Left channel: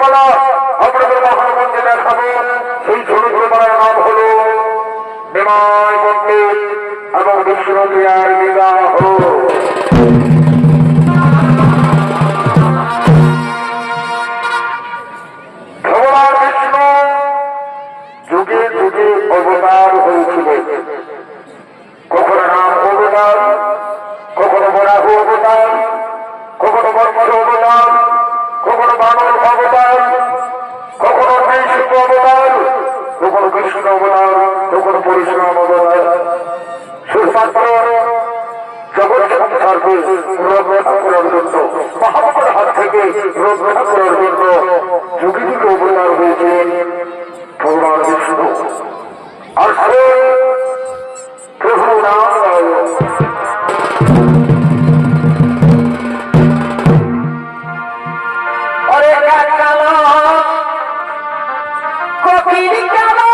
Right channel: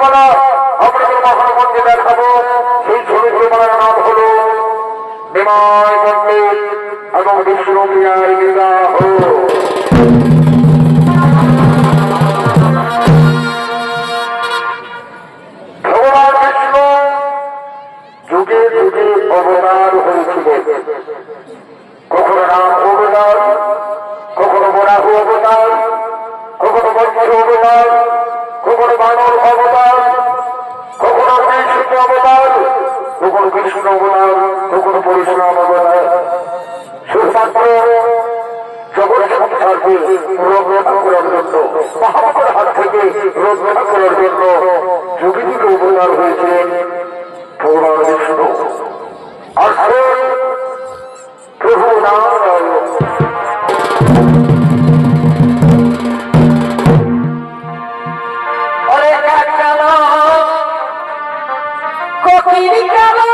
চরিত্রমালা আপনাদের মহানগঞ্জে দেখাবো। সেই চরিত্রমালার নাম হলো বিনয় পণ্ডিত এবং বিষ্ণুপ্রিয়ার বিবাহ। ভগবান বিষ্ণু যুগে যুগে অবতার হয়েছিলেন। কখনো রাম অবতার, কখনো বরাহ অবতার, কখনো মৎস্য অবতার, কখনো বানর অবতার, কখনো নৃসিংহ অবতার, কখনো কৃষ্ণ অবতার, কখনো পরশুরাম অবতার। শুধুমাত্র জগৎ সংসারকে রক্ষা করার জন্য, মহাপুরের হাত থেকে রক্ষা করার জন্য যুগে যুগে অবতার হয়েছেন ভগবান বিষ্ণু। আর প্রভু নারায়ণ। অরে কাকালো কোকিল কালো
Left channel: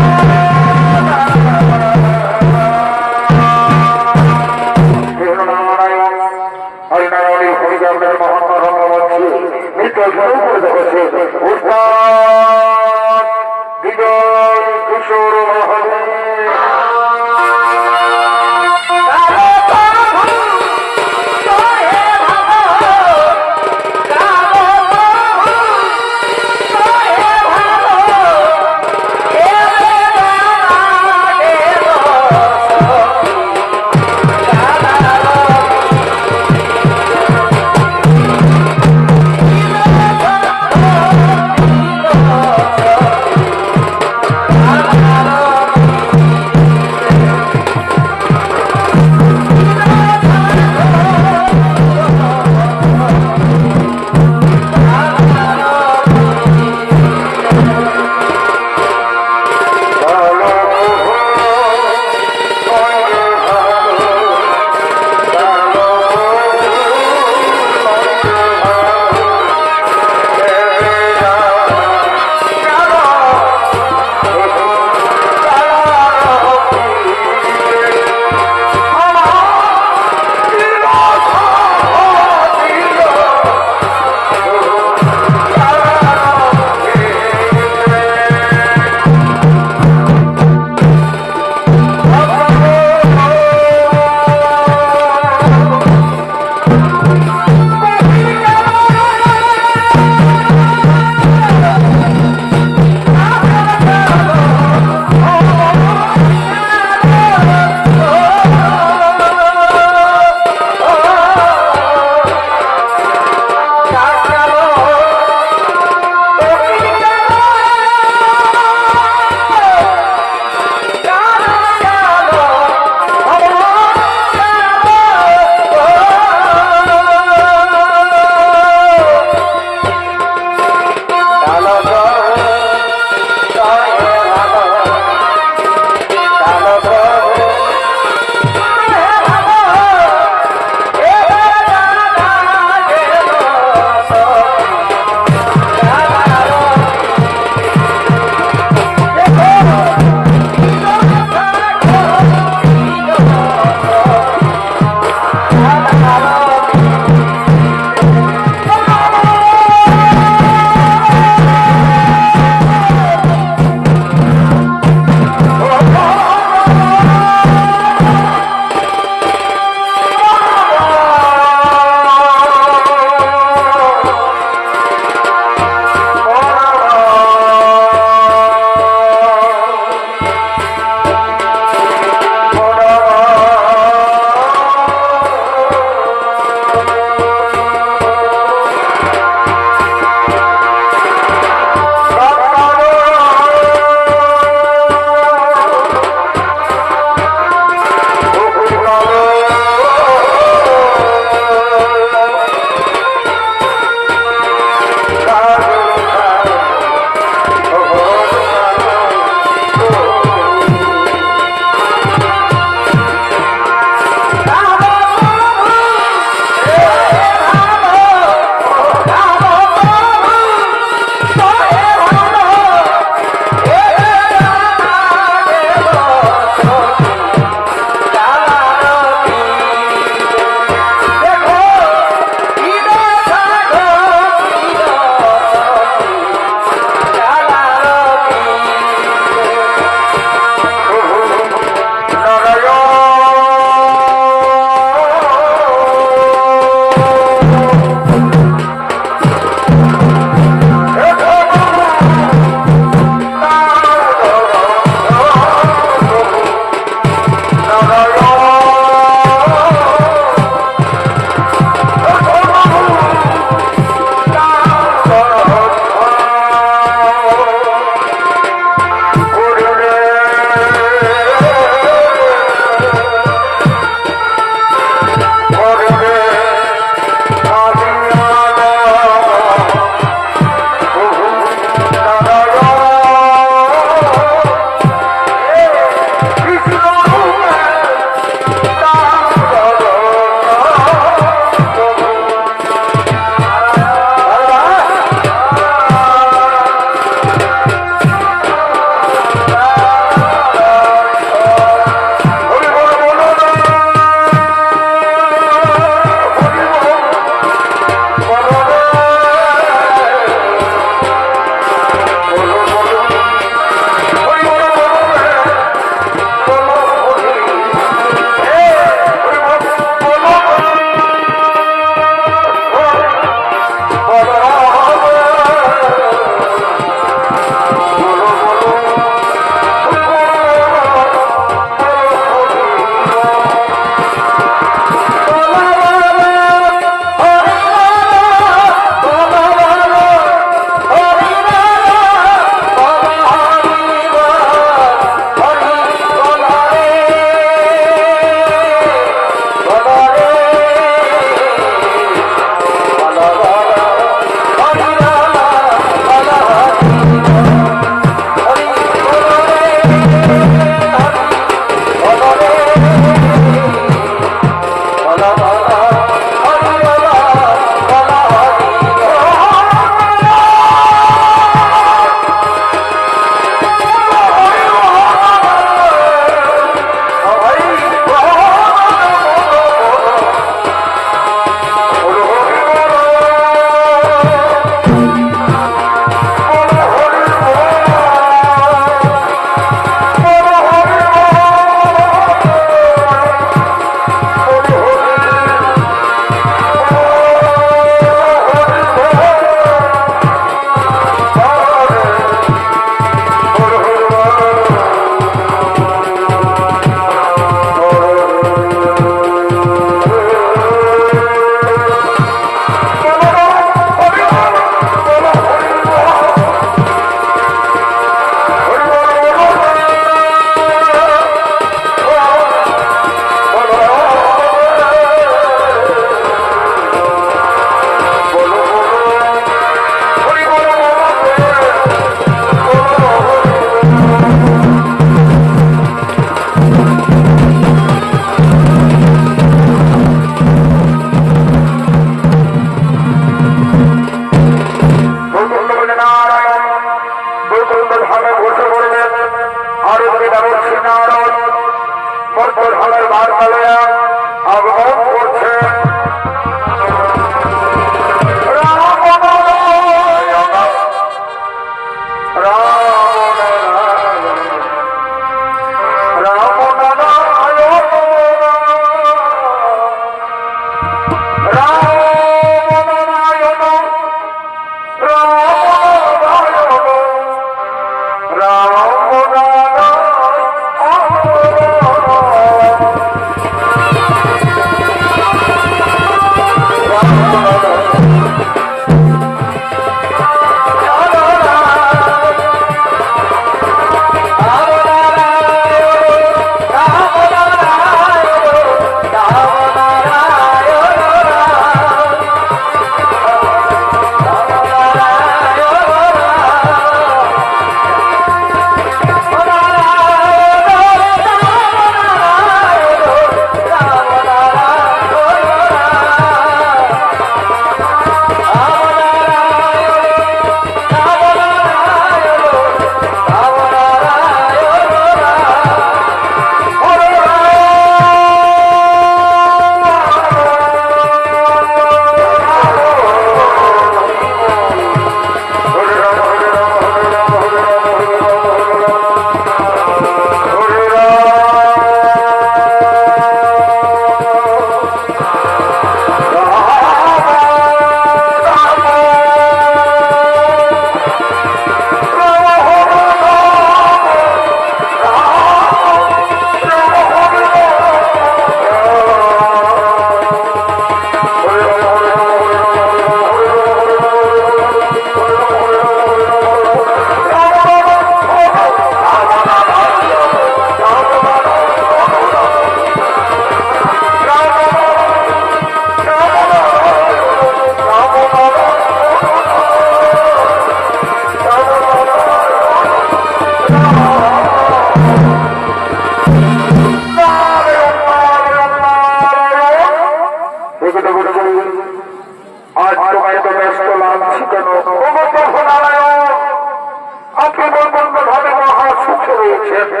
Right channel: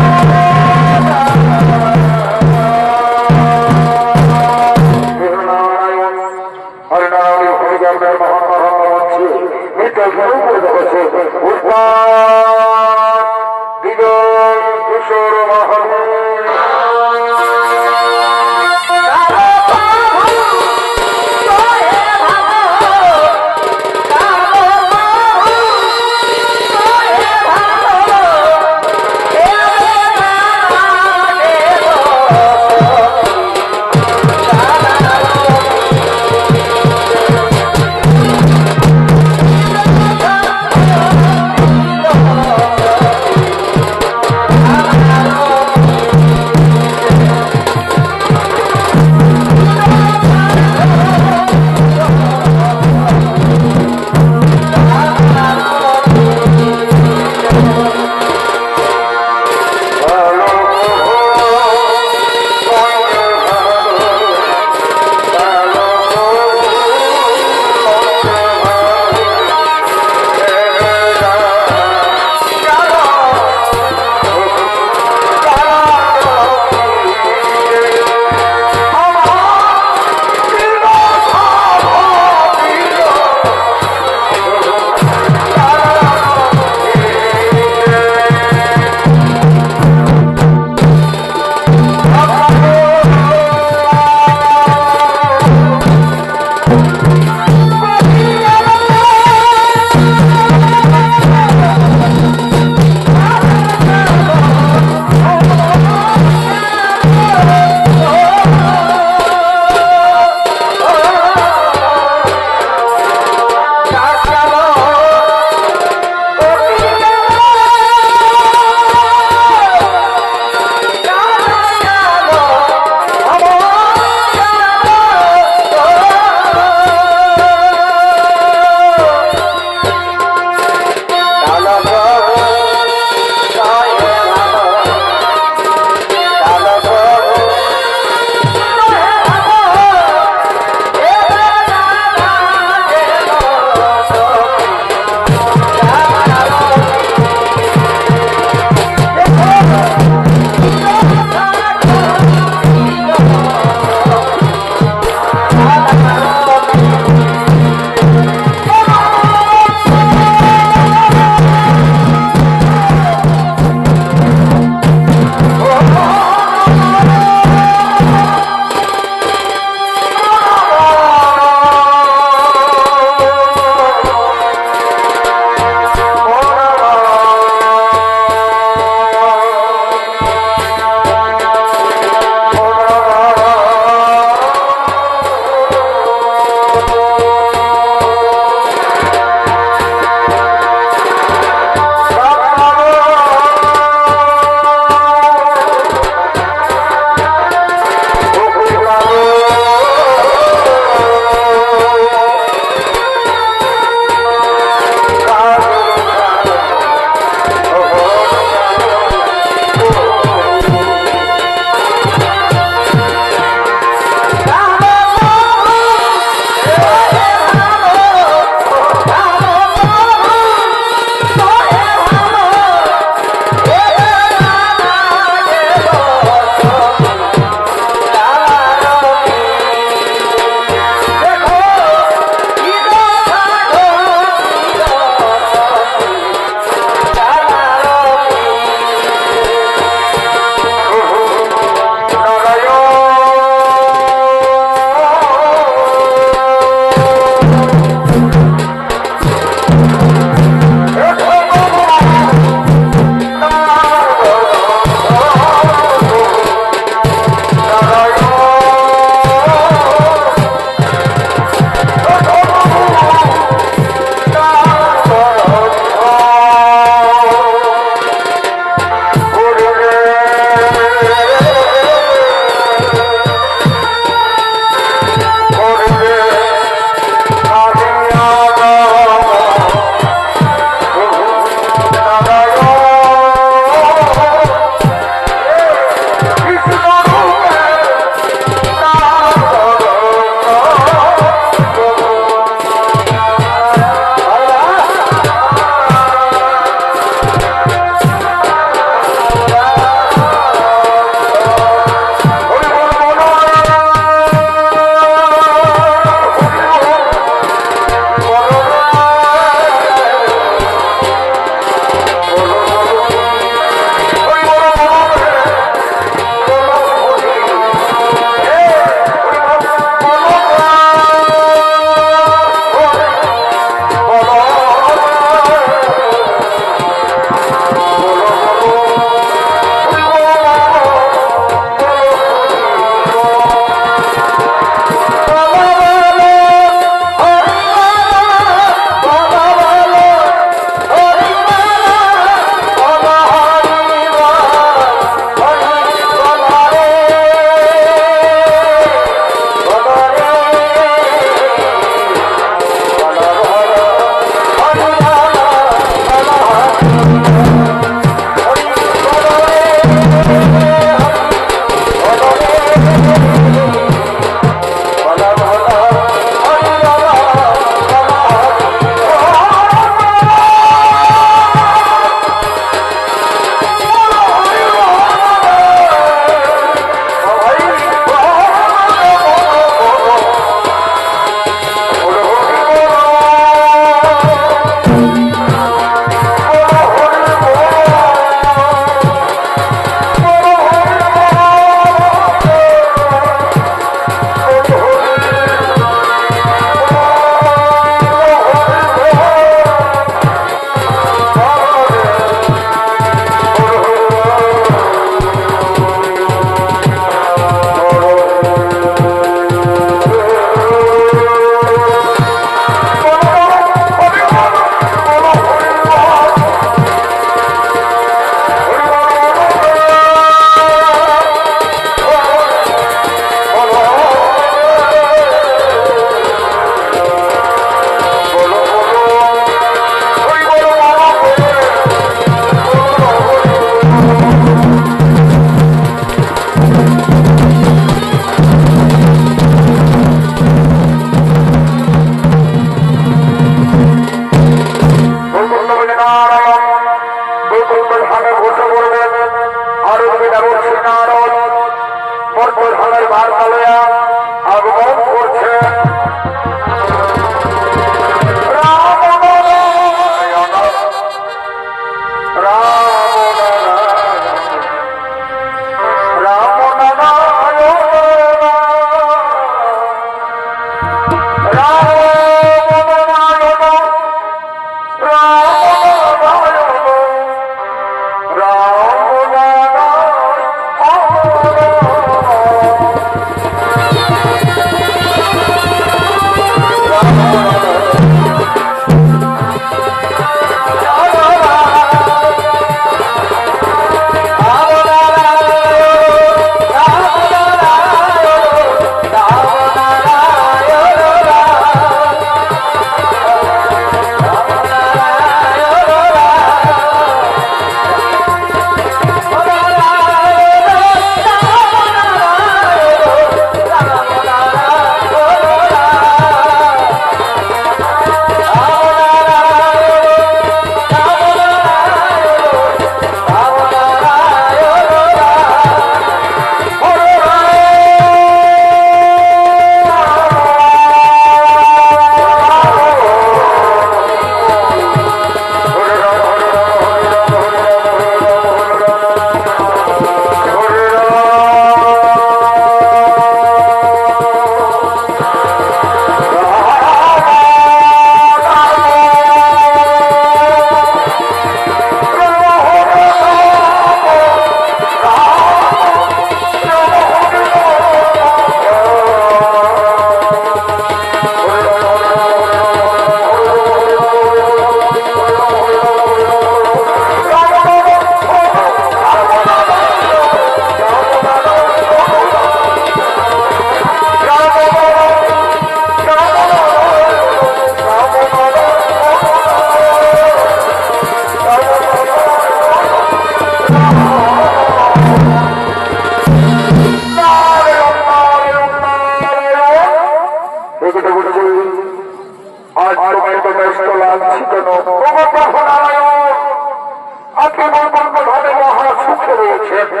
রয়েছে।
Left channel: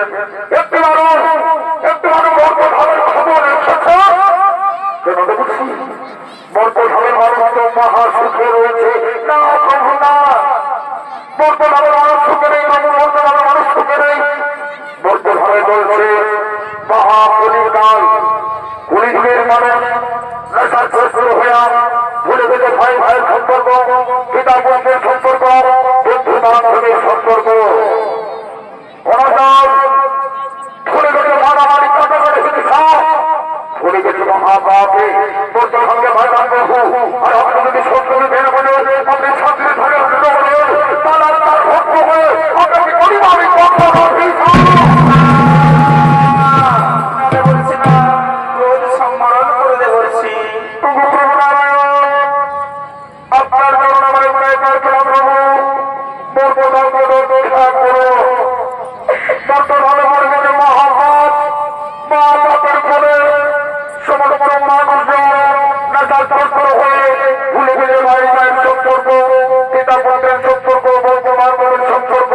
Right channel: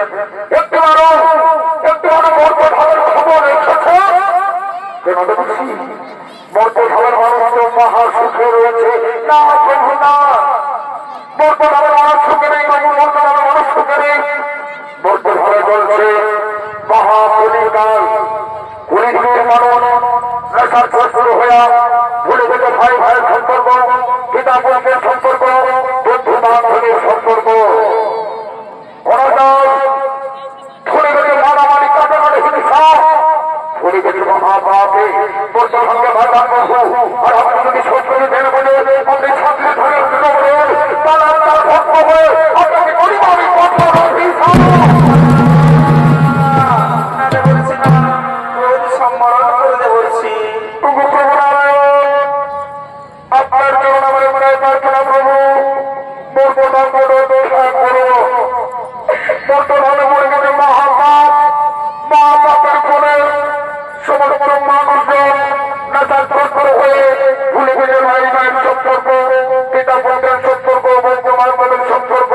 একটু দাঁড়ান, একটু দাঁড়ান, বর্তমানের খবর এসেছে কেন দেখছি বর্তমানের মানুষ তো মহা সুখে রয়েছে। না প্রভু না, বর্তমানের মানুষ সুখে নেই প্রভু, বর্তমানের মানুষ সুখে নেই। বর্তমানে চলছে মহাপরিকাল, পুলিশের মানুষ নেশার প্রস্তুত হইয়া ভুলে গেছে ভাই ভাইয়ের সম্পর্ক, পিতা পুত্রের সম্পর্ক, বন্ধু বান্ধবের সম্পর্ক, অনাচার ভুলে গেছে মারামারি কাটাকাটি হিংসা, ভুলে গেছে মহাপাপে। বর্তমানকে ভাইরান প্রভু, আর আপনি যদি শত্রুকে ভেঙে বলে আপনি শান্তিতে থাকার জন্য বলেন, তাহলে তার ভক্ত হয়ে আপনাকে করিব আমি কঠোর হিংসা বলছি না, ক্রোধ সম্বরণ করতে বলছি। প্রভু প্রভু নারায়ণ, আপনার চরণ আমার প্রায় প্রার্থনা প্রভু, বর্তমানকে রক্ষা করো। বর্তমানে মনে গেছে মহাপাপ, মহাপাপের ফলে সমস্ত মানুষজন নেশার তৎপর হয়ে ভুলে গেছে ভাই ভাইয়ের সম্পর্ক, পিতা পুত্রের সম্পর্ক, বন্ধু বান্ধবের সম্পর্ক।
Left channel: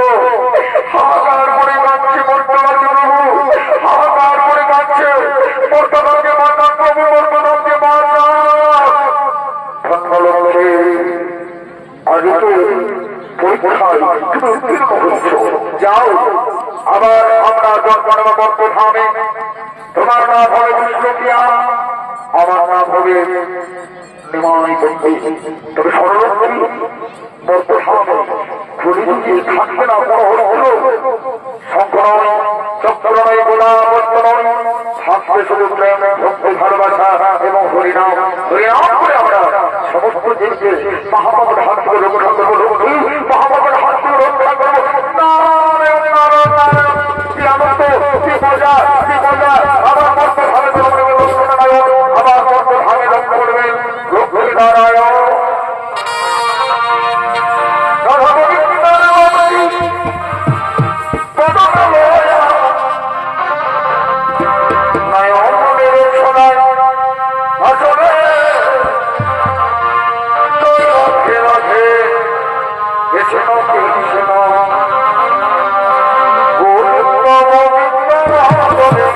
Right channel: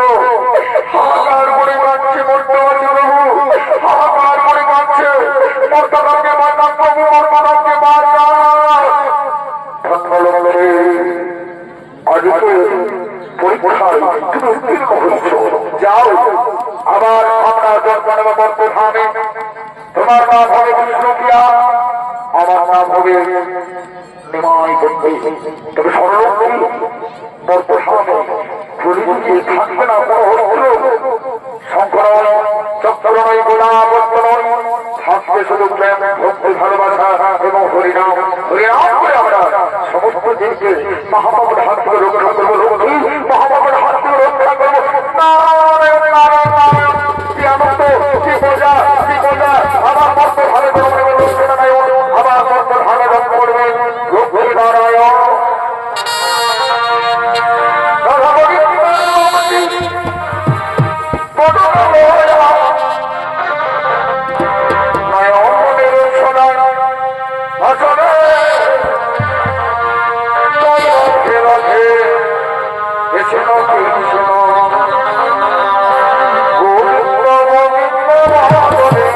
হাহাকার করে কাঁদছে বর্তমানে প্রভু, হাহাকার করে কাঁদছে। বর্তমানকে বাঁচান প্রভু, বর্তমানকে বাঁচান। ধন্যবাদ। আজকে পরীক্ষায় তুমি উত্তীর্ণ হচ্ছ, যাও আবার আমরা জন্ম বর্তমানে। তোমার নাম হবে বিষ্ণুপ্রিয়া, আমার নাম হবে নিমাই বন্ধু। তবে সরলক্ষী বর্তমানে পুলিশকে থাকবে না কোনো হচ্ছিল শঙ্খ নয়, চক্র নয়, গোলাবত্ত নয়, থাকবে শুধু প্রেম, ভক্তি, ভালোবাসা এবং হরিনাম। হরিনাম করে আমরা সমস্ত দেশকে মহাপাপের হাত থেকে রক্ষা করবো। লক্ষ্মী মহাপাপের হাত থেকে রক্ষা করবো। নারায়ণ নারায়ণ নারায়ণ, কি আনন্দ, কি মজা, কি মজা। আমার মর্ত ভাবে করবেন লক্ষ্মী নারায়ণ, আমার মর্ত ভাবে রক্ষা করবেন লক্ষ্মী নারায়ণ। রাধা গোবিন্দের লক্ষ্মী পদতলয়া নয়নের সোনার আসনে রাধে রাধে কৃষ্ণ কৃষ্ণ গোবিন্দ গোবিন্দ মহাবনে।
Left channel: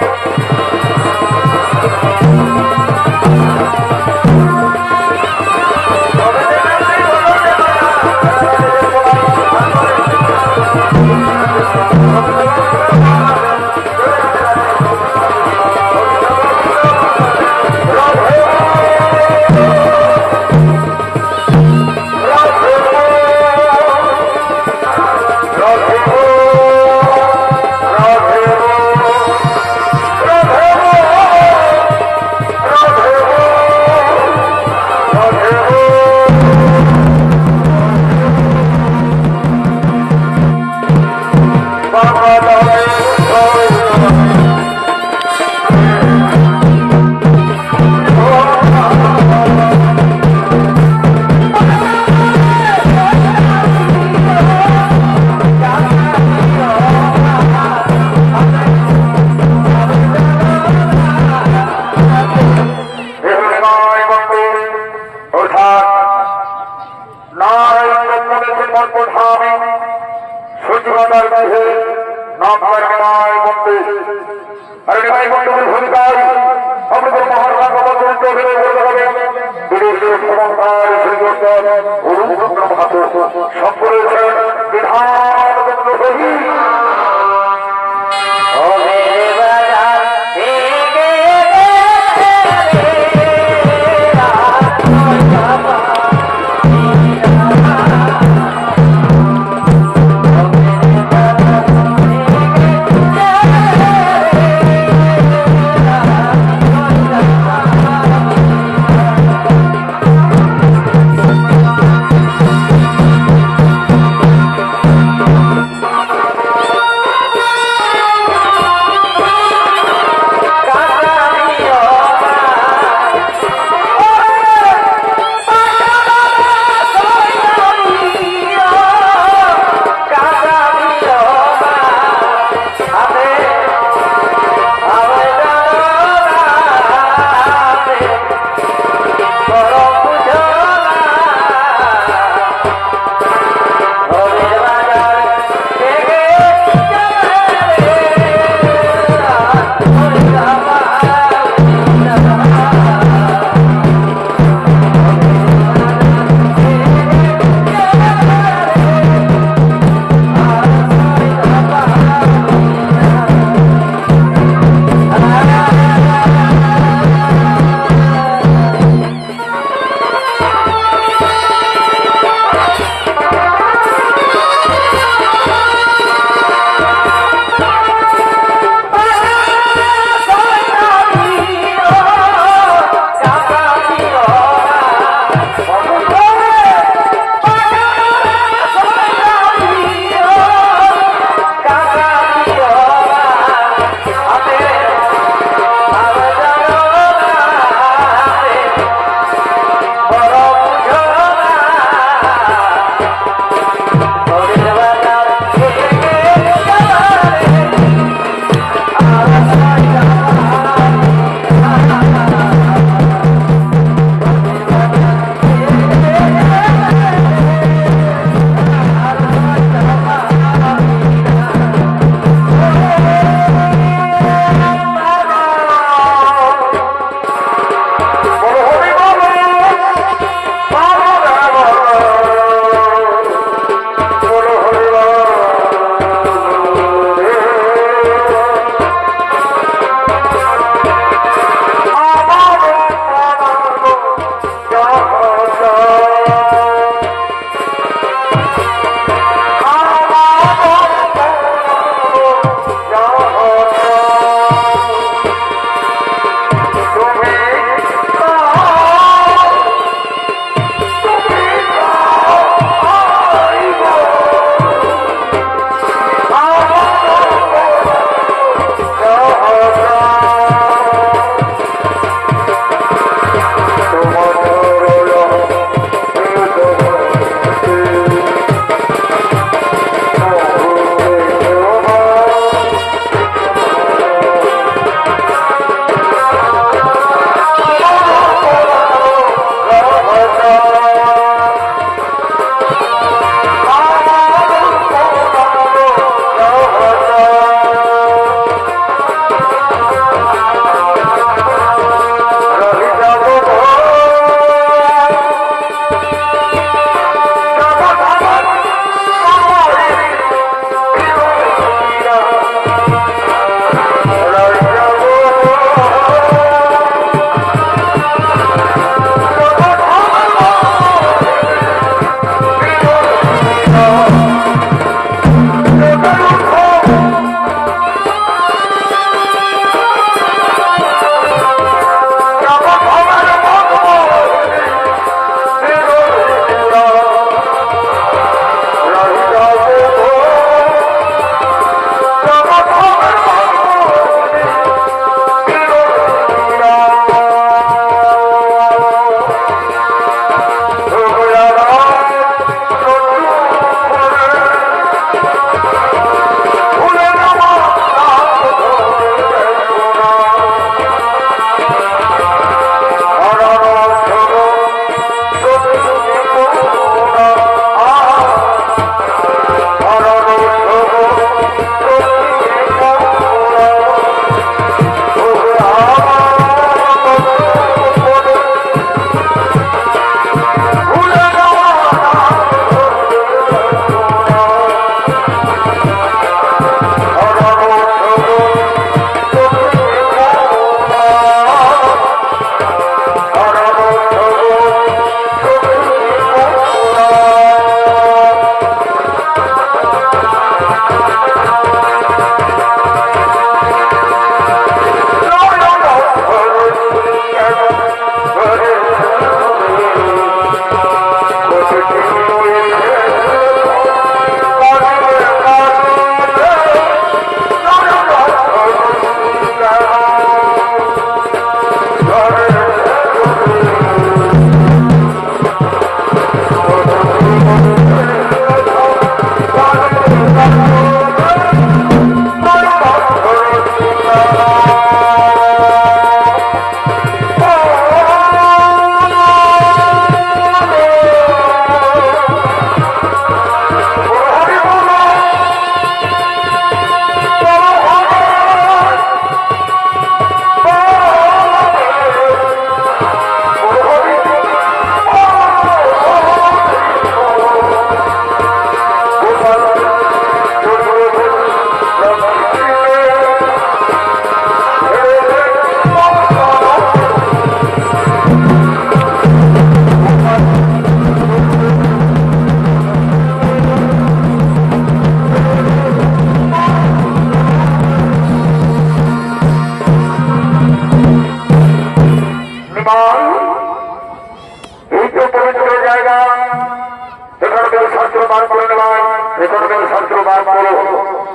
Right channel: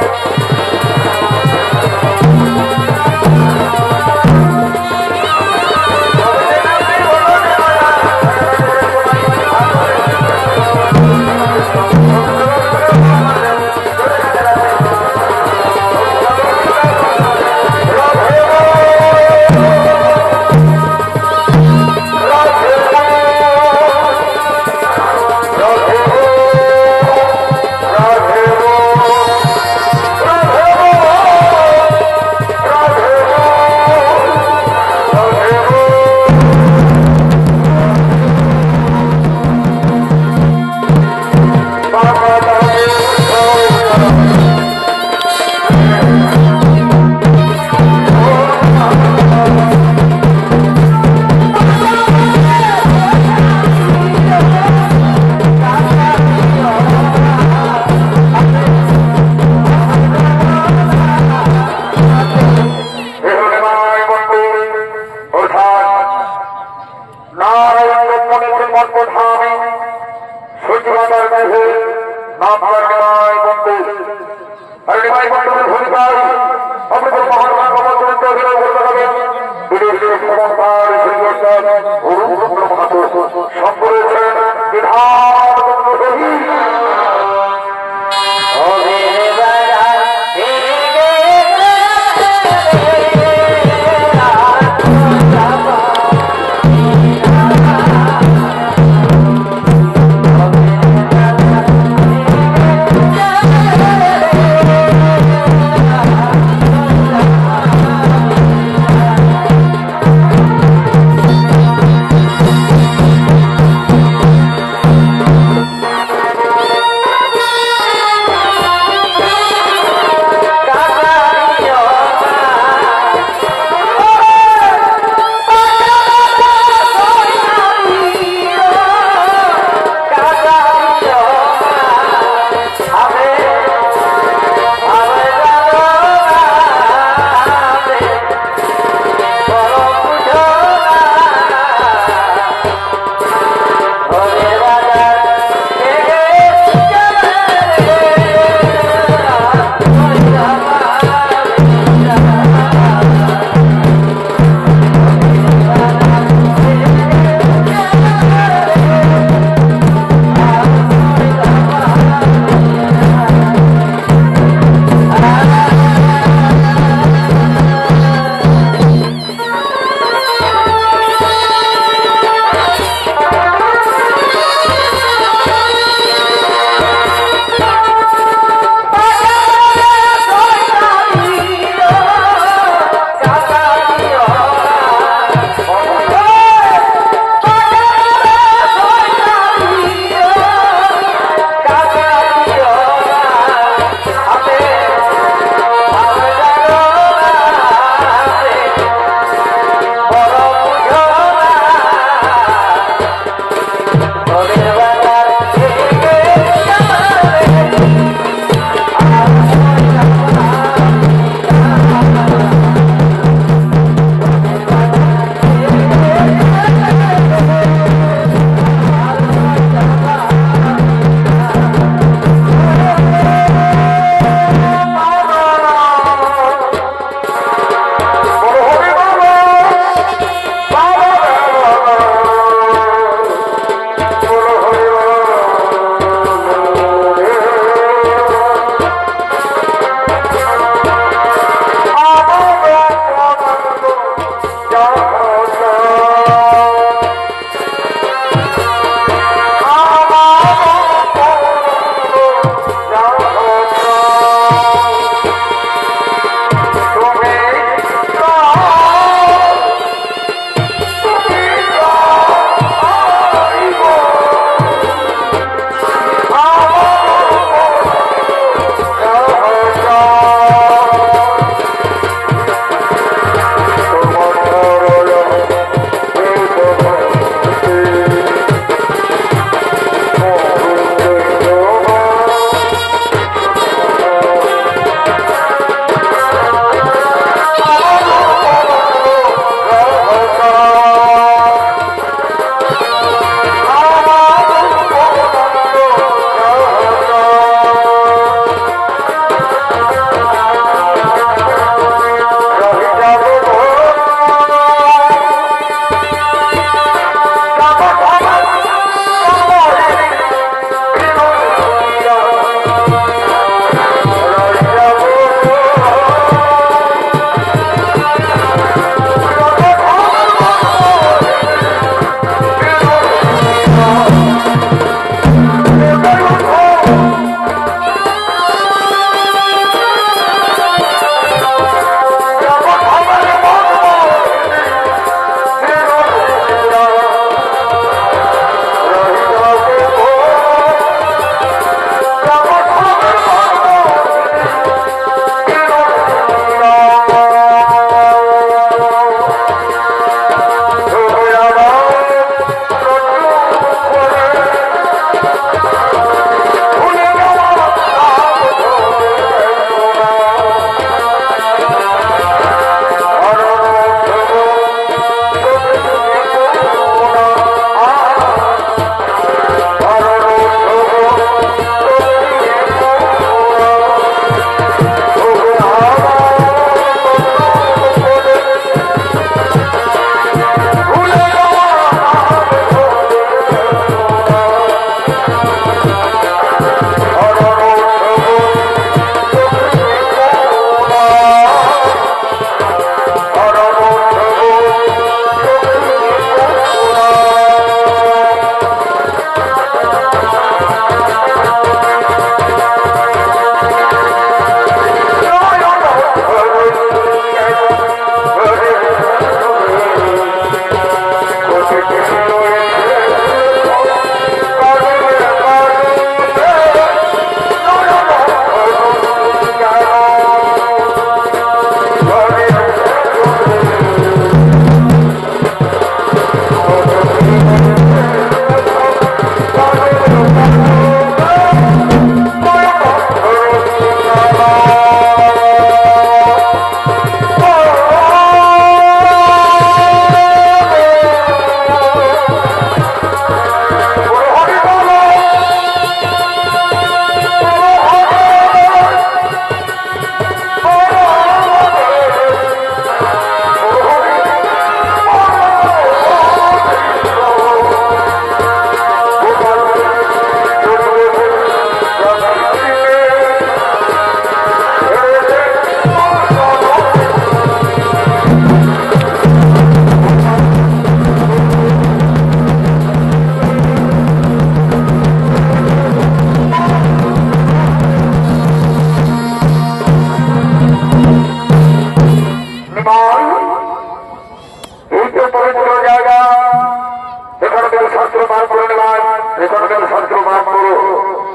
এখানকার শাস্ত্র বার করো।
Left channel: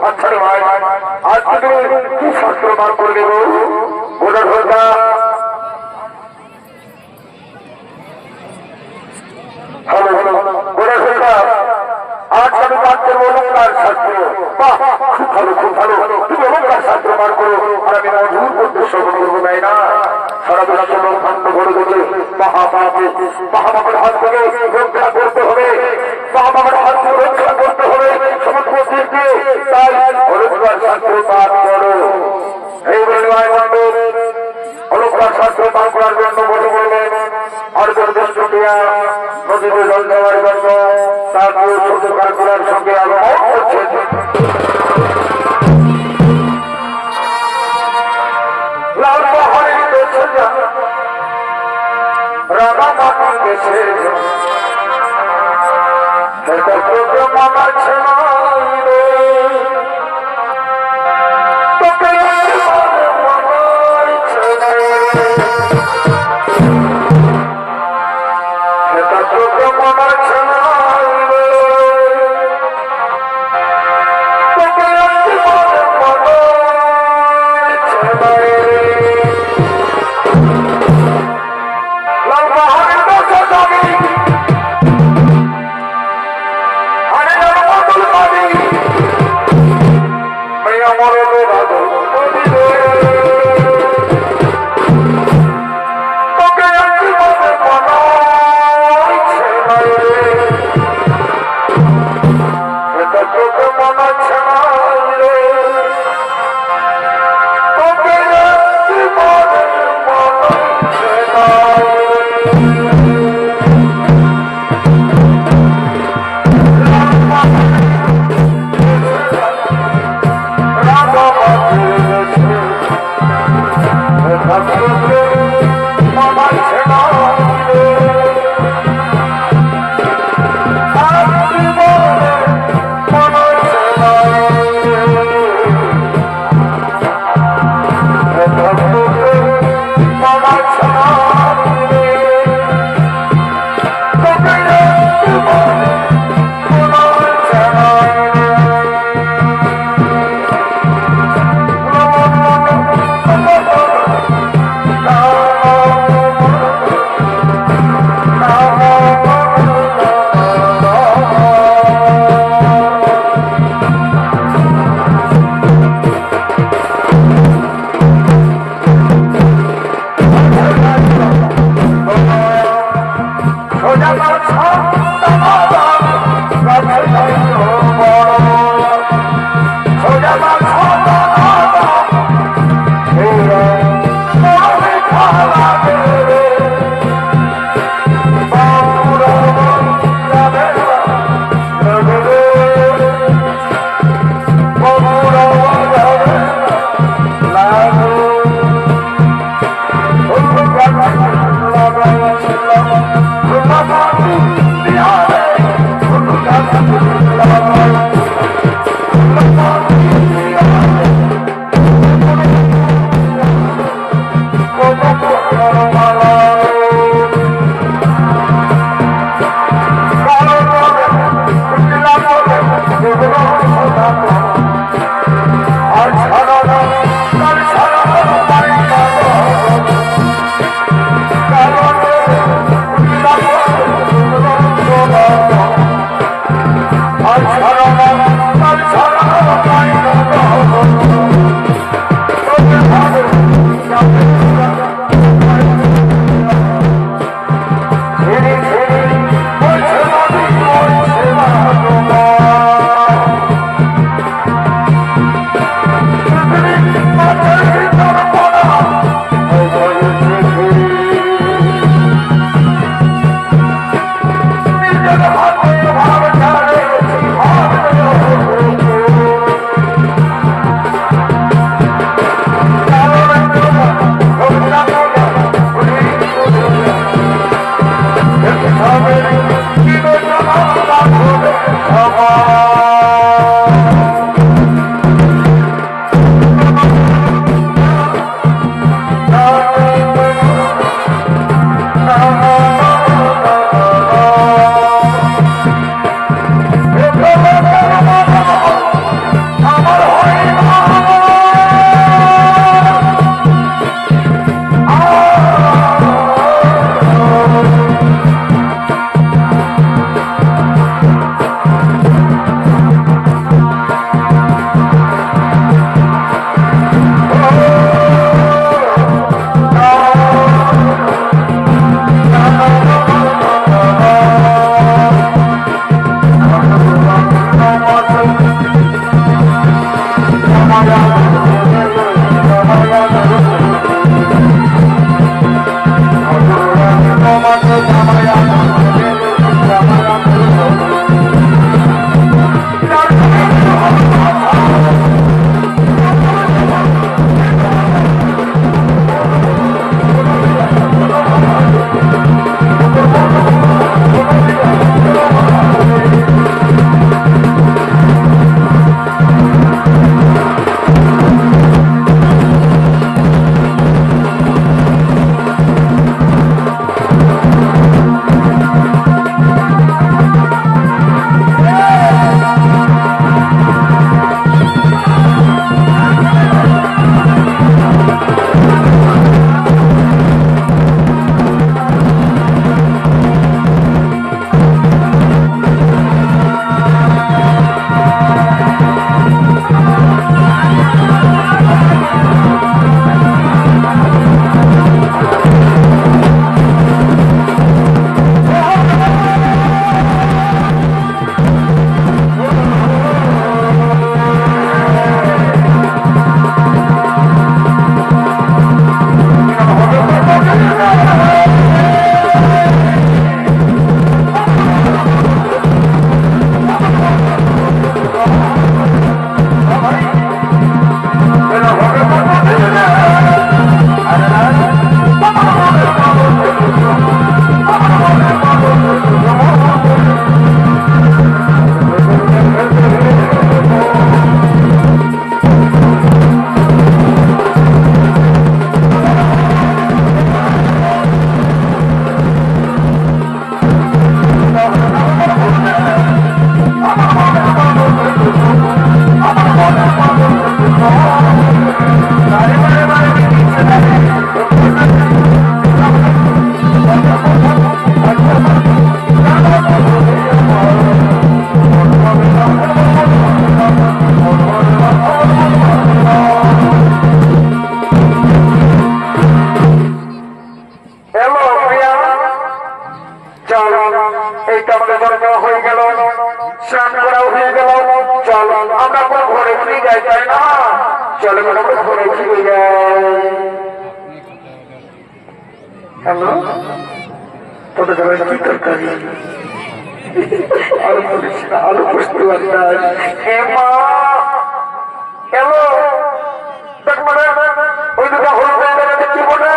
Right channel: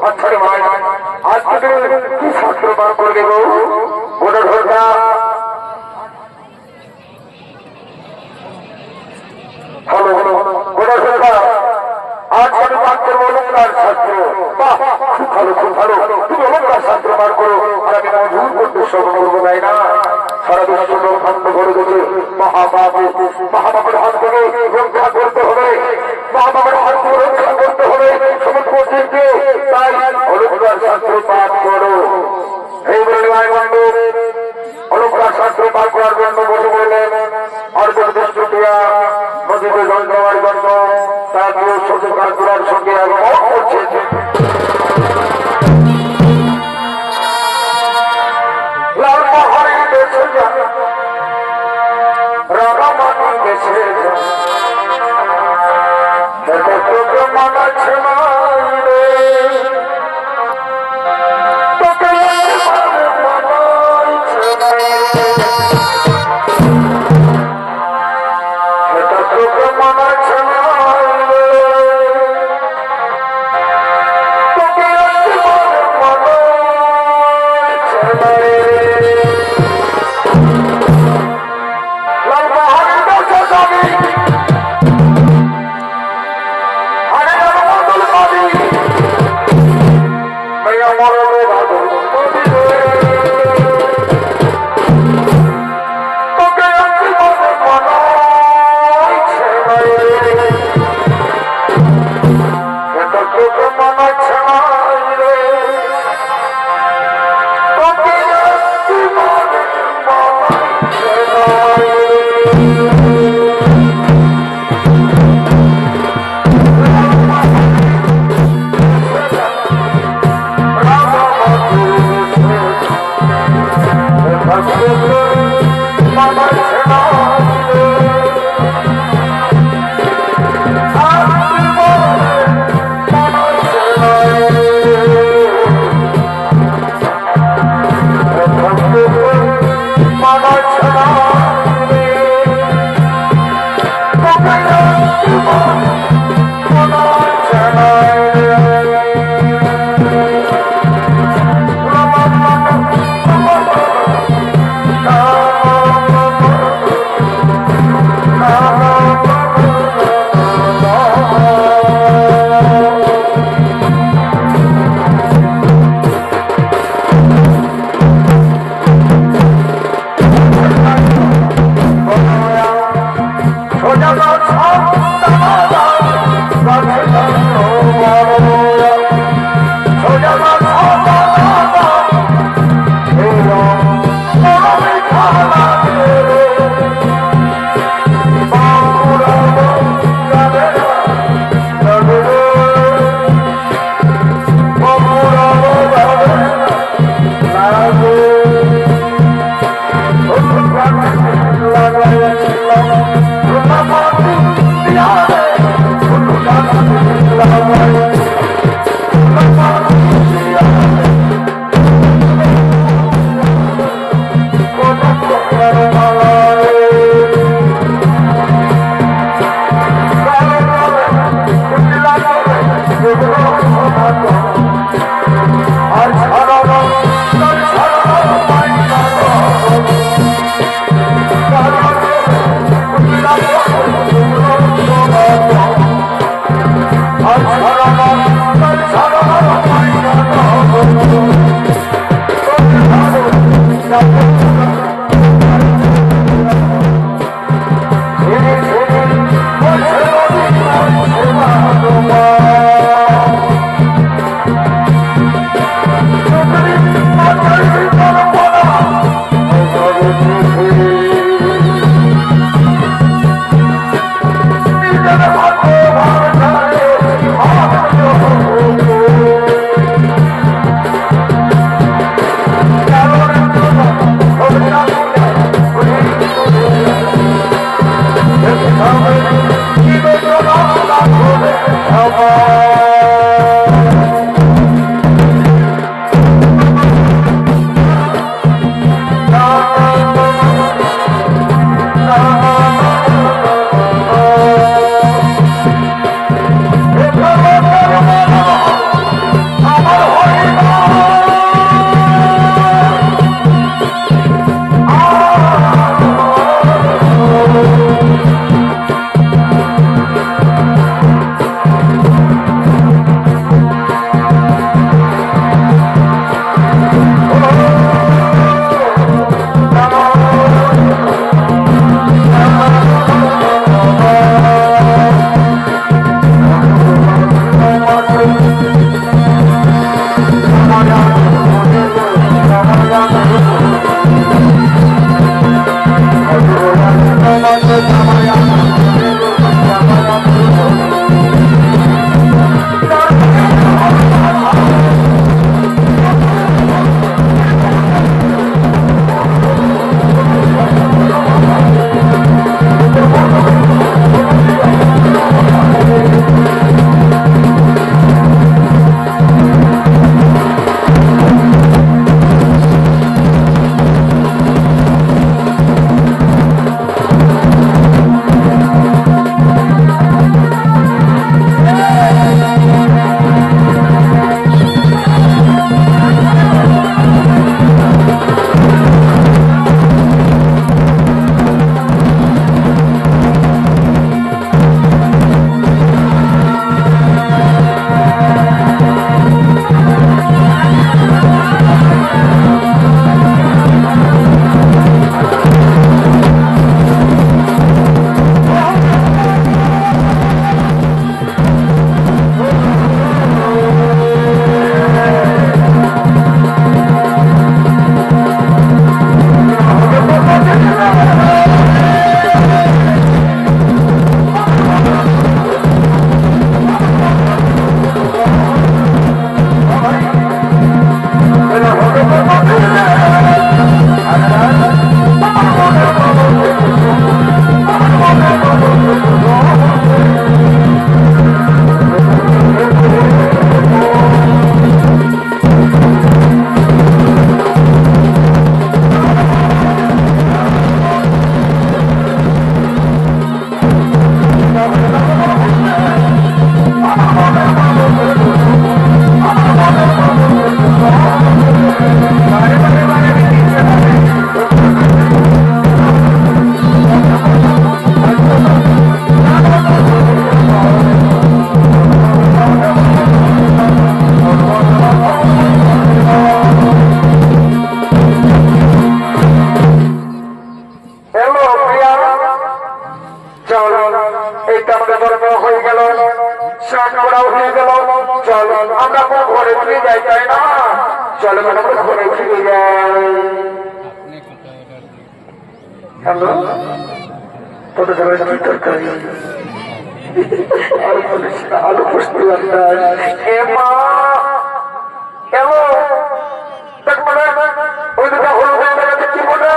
আচ্ছা রে ভাই, আজকে তুমি কি শাস্ত্র বার করে দেবো? গোটা ঢোলটা হ্যালো, গোটা ঢোলটা আজ আমি বার করবো অলঙ্কার শাস্ত্র। বাহ, খুব ভালো, খুব ভালো। তুমি অলঙ্কার শাস্ত্র বার করো, আর আমি মধুর মধ্যে শ্রবণ করবো, তাই না? সারা বিশ্ব ব্রহ্মাণ্ড গড়ে তোলে মহাপাপের হাত থেকে রক্ষা করতে হবে, মহাপাপের হাত থেকে রক্ষা করতে হবে সমস্ত জীবকে। তাই অলঙ্কার শাস্ত্র পাঠ করো। এই বলে অলঙ্কার শাস্ত্র পাঠ করার জন্য বসে বললেন। অর্জন দৃষ্টিয়া নদীতে জল দেওয়ার জন্য তার প্রিয় ছোট কালকুলার সঙ্গে আগমন করছেন। লাল পাহাড়ের দেশে যান, রাঙা মাটির দেশে যান, মামা ছেলে ভাব চল আমরা কোনো ঘরে ফিরে যাই, তাই না? চলো আমরা ঘরে ফিরে যাই। হ্যালো, তোদের ঘরে কি তরকারি? আলু বলিস না, আলু পোস্ত একটা। এ মা, হ্যালো, দেখ মানে ওই দুটা হলুদ জায়গাতে কি বলে?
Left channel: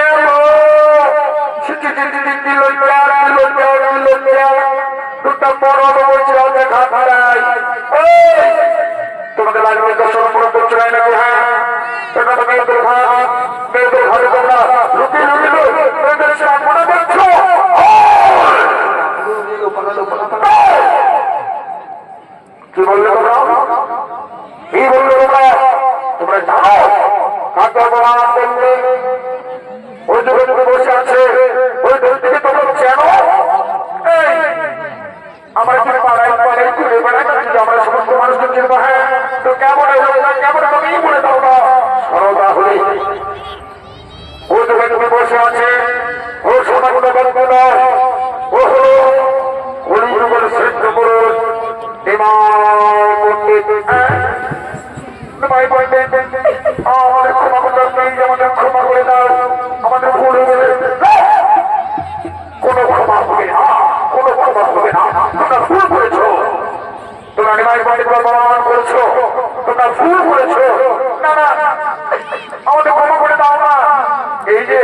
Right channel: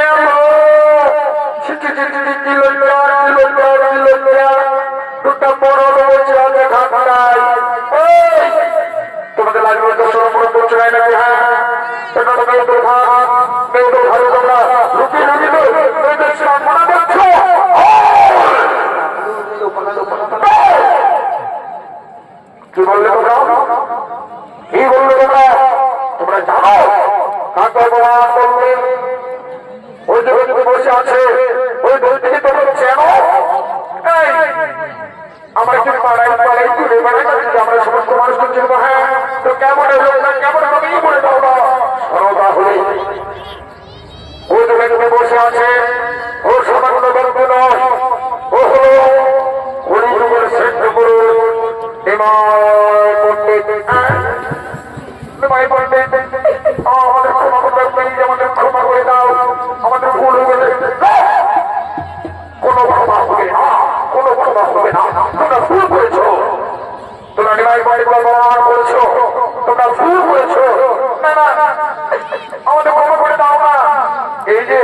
এলো দুটা বড় বলছে ঢাকায়। তোমাদের লাগবে দর্শন মনে করছে নাকি? হ্যাঁ, সেখানে মেয়েদের ঘরে তোমরা লুকিয়ে লুকিয়ে মেয়েদের স্নান মনে করছো। কি বললে তোমরা? কি বললে তোমরা? তোমরা জানো কাকে বললে? ওই যে বসে আছে ওই দল থেকে তোমরা চেনো? আমরা কি পাড়াই পাড়াই ঘুরে বেড়াই, আমরা সমস্ত মানুষকে চিনবো। হ্যাঁ, তো কেমন কেমন তুমি বলে দাও না। সরদা হলে ওই দলে তুমি বসে আছে, ও সামান্য গল্প নয়, ও হলো হরিযুগের শ্রেষ্ঠ পুরুষ আমাদের ক্ষমা করতে, আমাদের ক্ষমা করে দাও, আমাদের ভুল হয়ে গেলে কোনো ক্ষমা হবে না, কোনো ক্ষমা হবে না। তোমরা ভুল করেছো, তোমরা নিমাই বাড়ি প্রমাণ করেছো, তোমরা ভুল করেছো। না না, আমাদের ক্ষমা করে দাও না। এই যে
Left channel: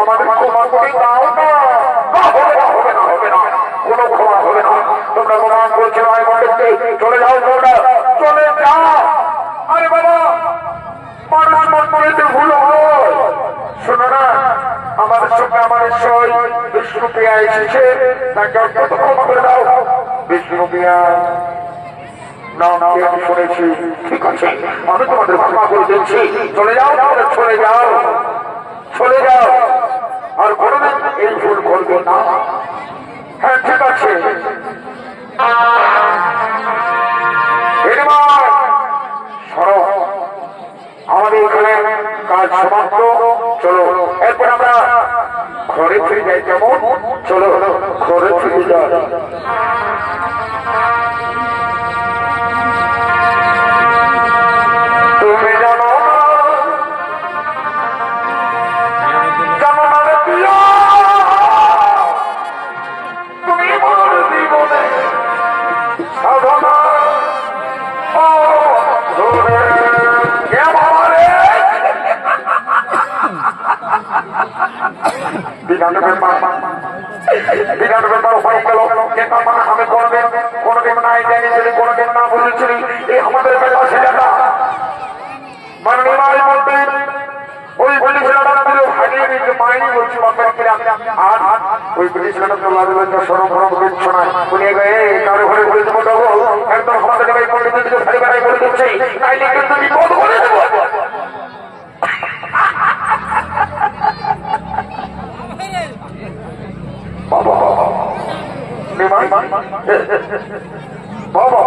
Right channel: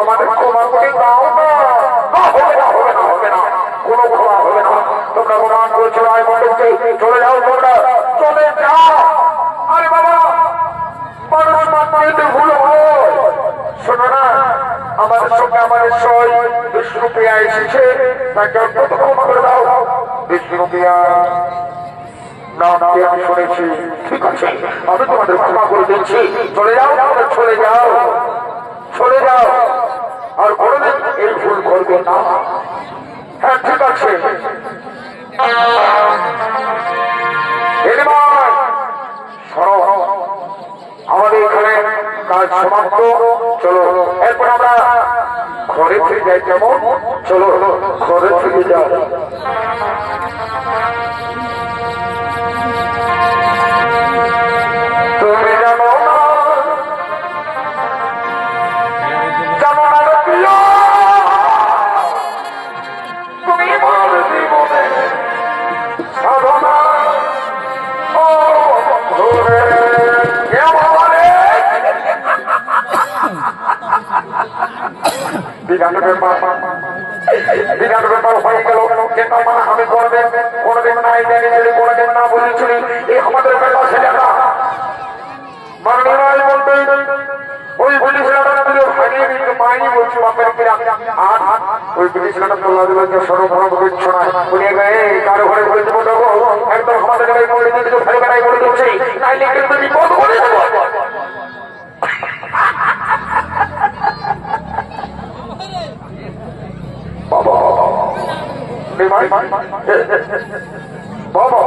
আমাদের ক্ষমা করে দাও না। হবে না, হবে না, হবে না, কোনো ক্ষমা হবে না। তোমরা প্রমাণ করেছো নিমাই বাড়িতে, চলে যাও, তোমরা চলে যাও। আরে বাবা, মানুষ মানতে ভুল হয়। শোনো না, আমাদের সঙ্গে আমাদের সই বিষ্ণুপ্রিয়া এসেছে, তাকে অত্যন্ত ক্ষমা করে দাও। বিষ্ণুপ্রিয়া নাম আমি শুনেছি, ঠিক আছে, আমি তোমাদের ক্ষমা করে দিচ্ছি। চলে যাও, তোমরা চলে যাও, চলে যাও, আর কোনোদিন এই ভুল করবে না। হ্যাঁ, ঠিক আছে। আমাদের এখানে কাজ সমাপ্ত। চলো এরপর আমরা ঘরে ফিরে যাই। কেমন? চলো ঘরে ফিরে যাই। তুমি জানো জানো না রে প্রিয়, তুমি আমার জীবনে সাধনা ধরে বিরাট ব্যাপার হয়ে গেল। যেটা মানে আমি কোনোদিন নাই জানি, যদি কোনোদিন না বুঝেছিলি এই আমাদের বেলা ছেলেটা মানে নিমাই বলতে ওই বলি ছেলেটা ভাগিয়ে দিচ্ছে মাইনি বলছি বাপের কিরা। আর ওই বলি ছেলেটা তো সরবরাহ দিচ্ছ না, বলিয়ে গে কারো ঘরে ঘুরে দেবো দেবো একদম আমাদের পড়ে দিচ্ছি, খালি বেড়াই বলে দিচ্ছি, তাইলে কিন্তু বিপদ করে দেবো। বাবা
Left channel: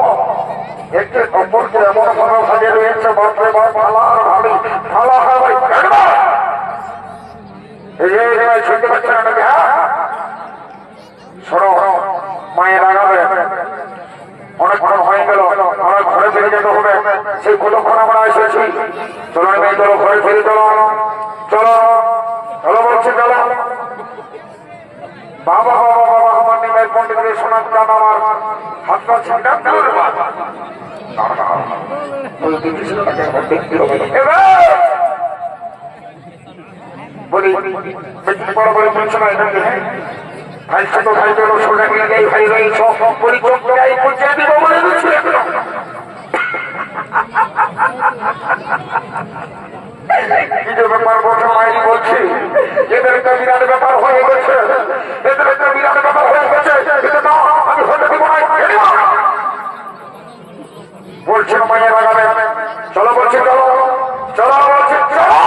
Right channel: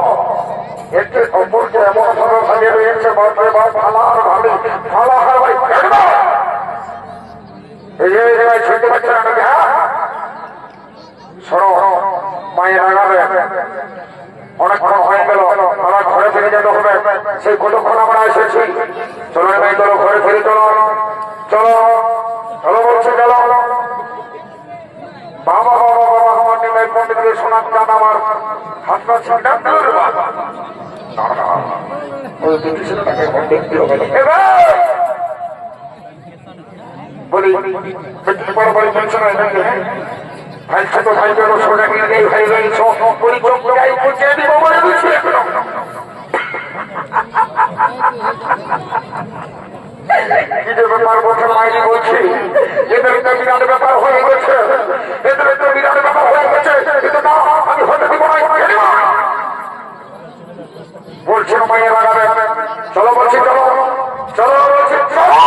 একটি অপরকে এমন ভাবে ভাগে রয়েছে, বাপরে বাপ, ফালা আর ভাবি ফালা হয় ভাই। এই ভাই শুনতে পাচ্ছেন আপনাকে? হ্যাঁ, শোনো, মায়ের আগাবে অনেকক্ষণ হয়ে গেল, আমার ঘরে ফিরে যেতে হবে। সেই কতক্ষণ আমরা এসেছি। চলো নেমে চলো, ঘরে ফিরে চলো, চলো চলো বলছি, চলো। বাবা বাবা বাবা, আমার নিমাই পণ্ডিতের সোনার চাঁদ আমার হাতটা ছিঁড়া বলি বড় বড় বলছো না, ভাই ছোট ভাই চলো সোনা মিলে ভাই ভাই বলি চোখটাই পৌঁছে দিব বলে দিচ্ছি। কি যে ব্যাপার বলছে মাইনি বলছি, এদের একটা বিরাট ব্যাপার হয়ে গেছে, এদের একটা বিরাট ব্যাপার হয়ে গেছে। না, আমি হতে দিব না, বলছি মাইয়া লাগাবে। চলো বলছি, চলো চলো বলছি, চলো।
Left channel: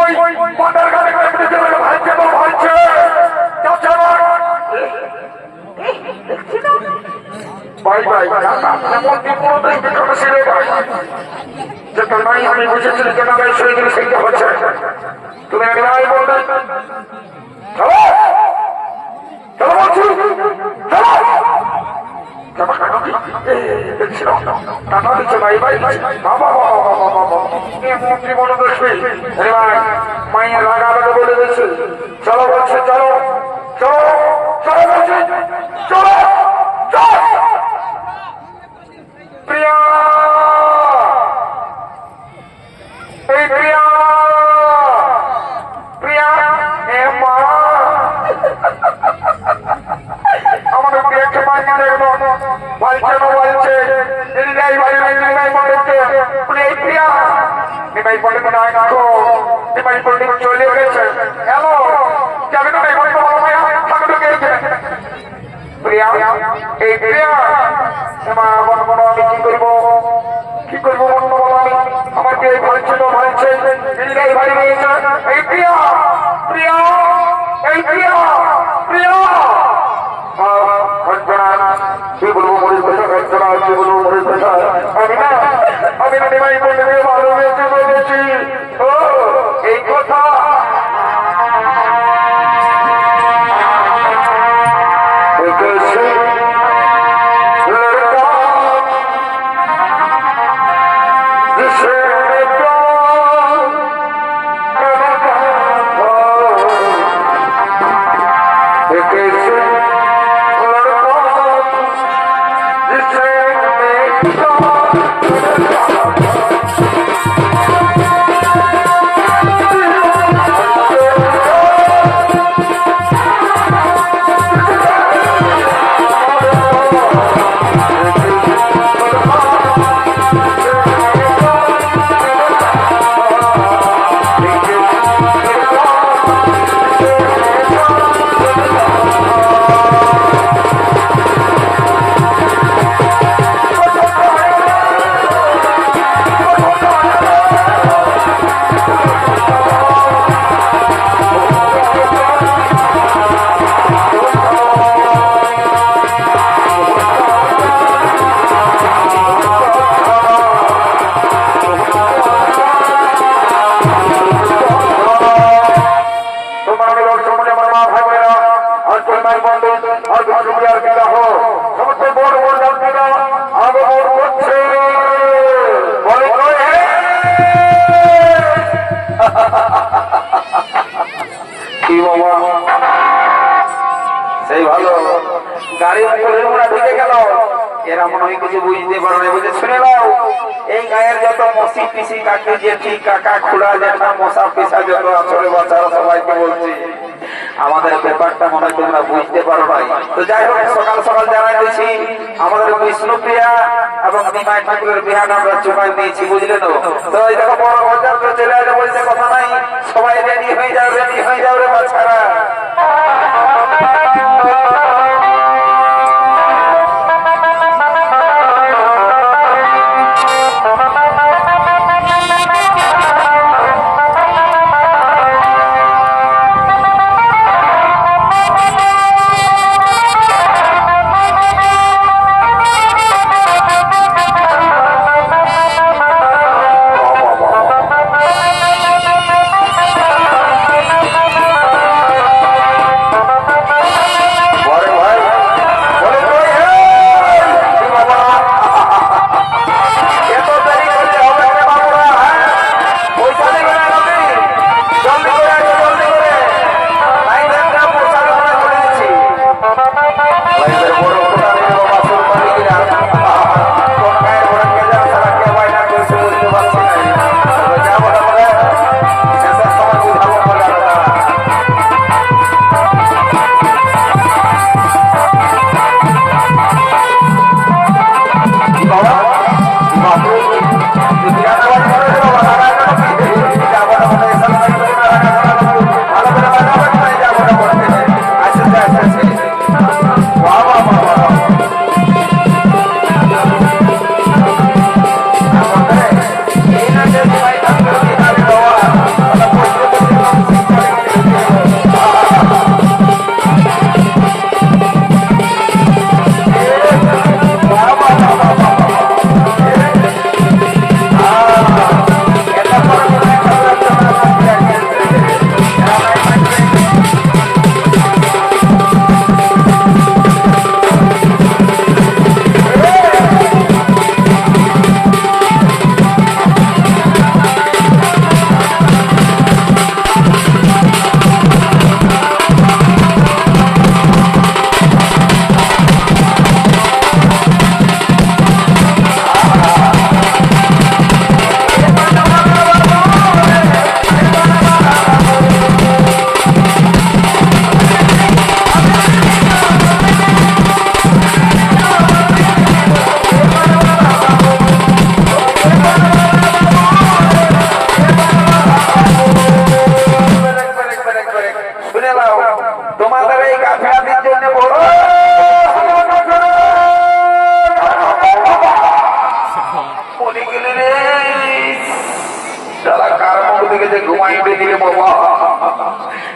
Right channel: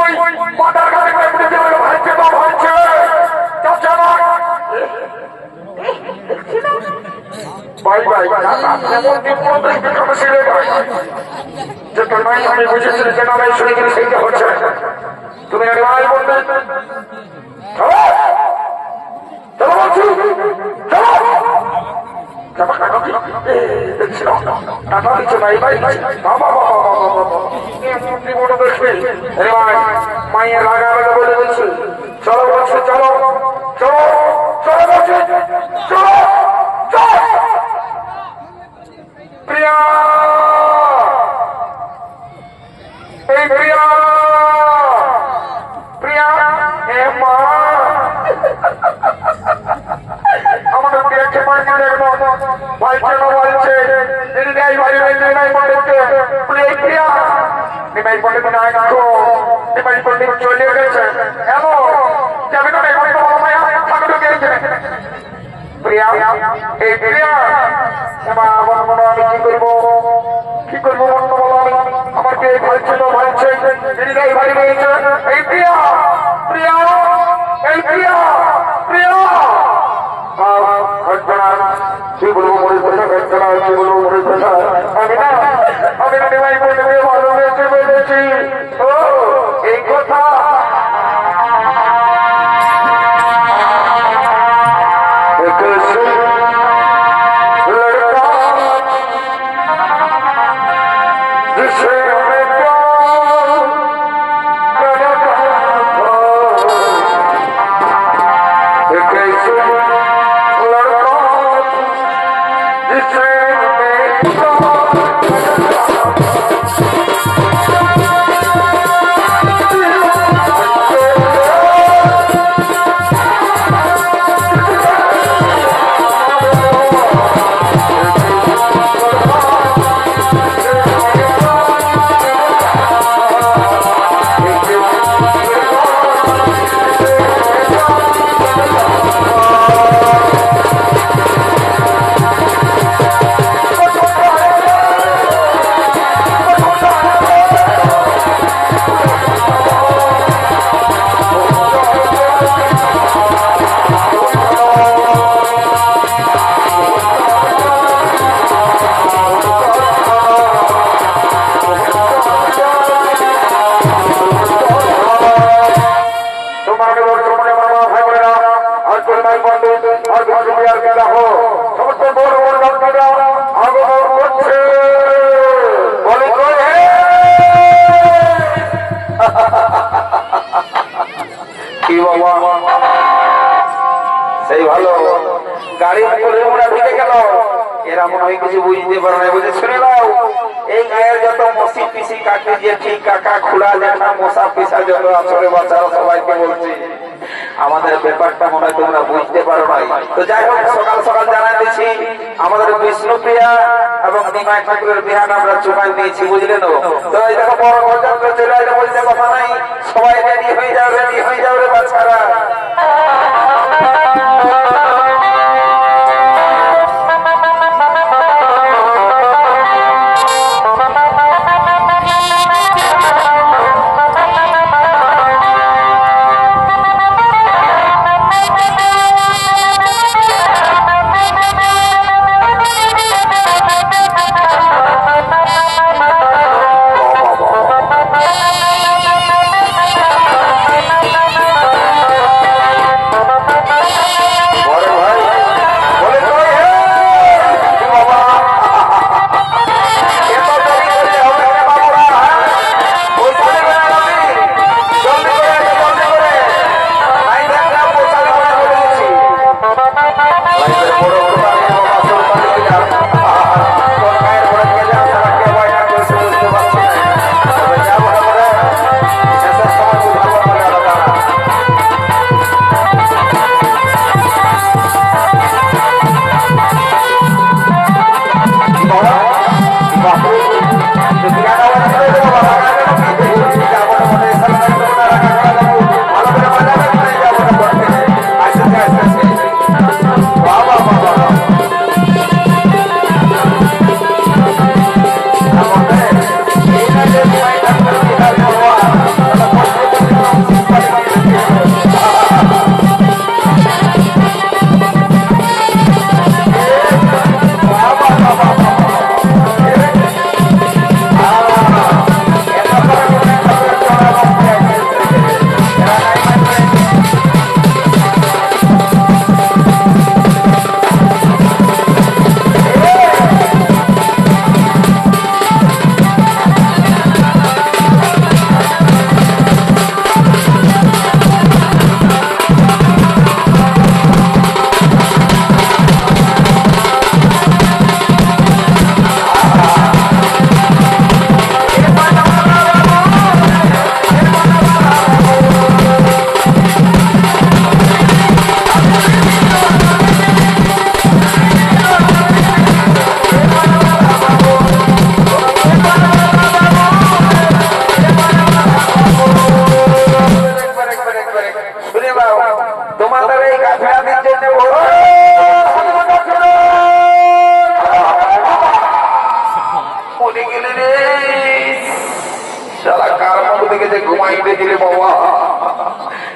ওই মাথার কাছে ভালছে তো ভালছে, ভাই ভাই যেমন আমি বুঝেছি, যেটা আমি শুনে গেলে সেইটা হচ্ছে। তুমি নাকি ভাই বলতে চলো চলো বলছি চলো টাকা দিচ্ছে ভাই ভাই বাবা মাইয়া লাগা লাগা বলে দিচ্ছে চলো বলছে চলো চলো চলো বলছে চলো চলো প্রিয়া এই প্রিয়া প্রিয়া এ মা আমাদের দেখতে পাইনি দেখবো বলছে না বলছে নির্ণয় ভাই ভাই নির্ণয় বলতে প্রিয়া নিমাই বলে না দেখো নিমাই বলে চলে গেছে হ্যালো যাবে না ভাই বলে বাবা ভাই থাকবে গেছে প্রিয়া এই প্রিয়া মা বাবা কি করবো কি করবো মন বলো আমাকে বলছে না বলছে নির্ণয় ভাই বলছে এই প্রিয়া প্রিয়া এই প্রিয়া প্রিয়া কি বলবো মরিস কথা ঘটনা কি বলবো মরিস কথা আমি না নিমাই বলে ভালো হয়েছে বলেছি ও এই কথা कैसे लड़का जिसे प्यार करता था कैसे लड़का जिसे সেই ভালো গাড়ি মোড়া ঢুকে গেল এরা মনে হয় কিছু বুঝতে পারে না বুঝে শুনে নাও এই গায়ের যত মসি পিসি কাকি জেঠি কাকা খুড়া জ্যাঠা মশা পিসা যত আসলে বাচ্চারা সবাইকে বলছি আমাদের ব্যাপারটা মনে হয় তোমরা বুঝতে পারো নাই তো যাই হোক সকাল সকাল জানাই দিচ্ছি আমাদের বিষ্ণুপ্রিয়া এবং নিমাই ঠাকুরের বিহাটা আমরা চুকাই দিয়েছি বুঝলে তো তো এই দেখো বড় বাজার চলে আসে বলতে কথা নাই সবাই রেডি হয়ে যাও রে বাচ্চারা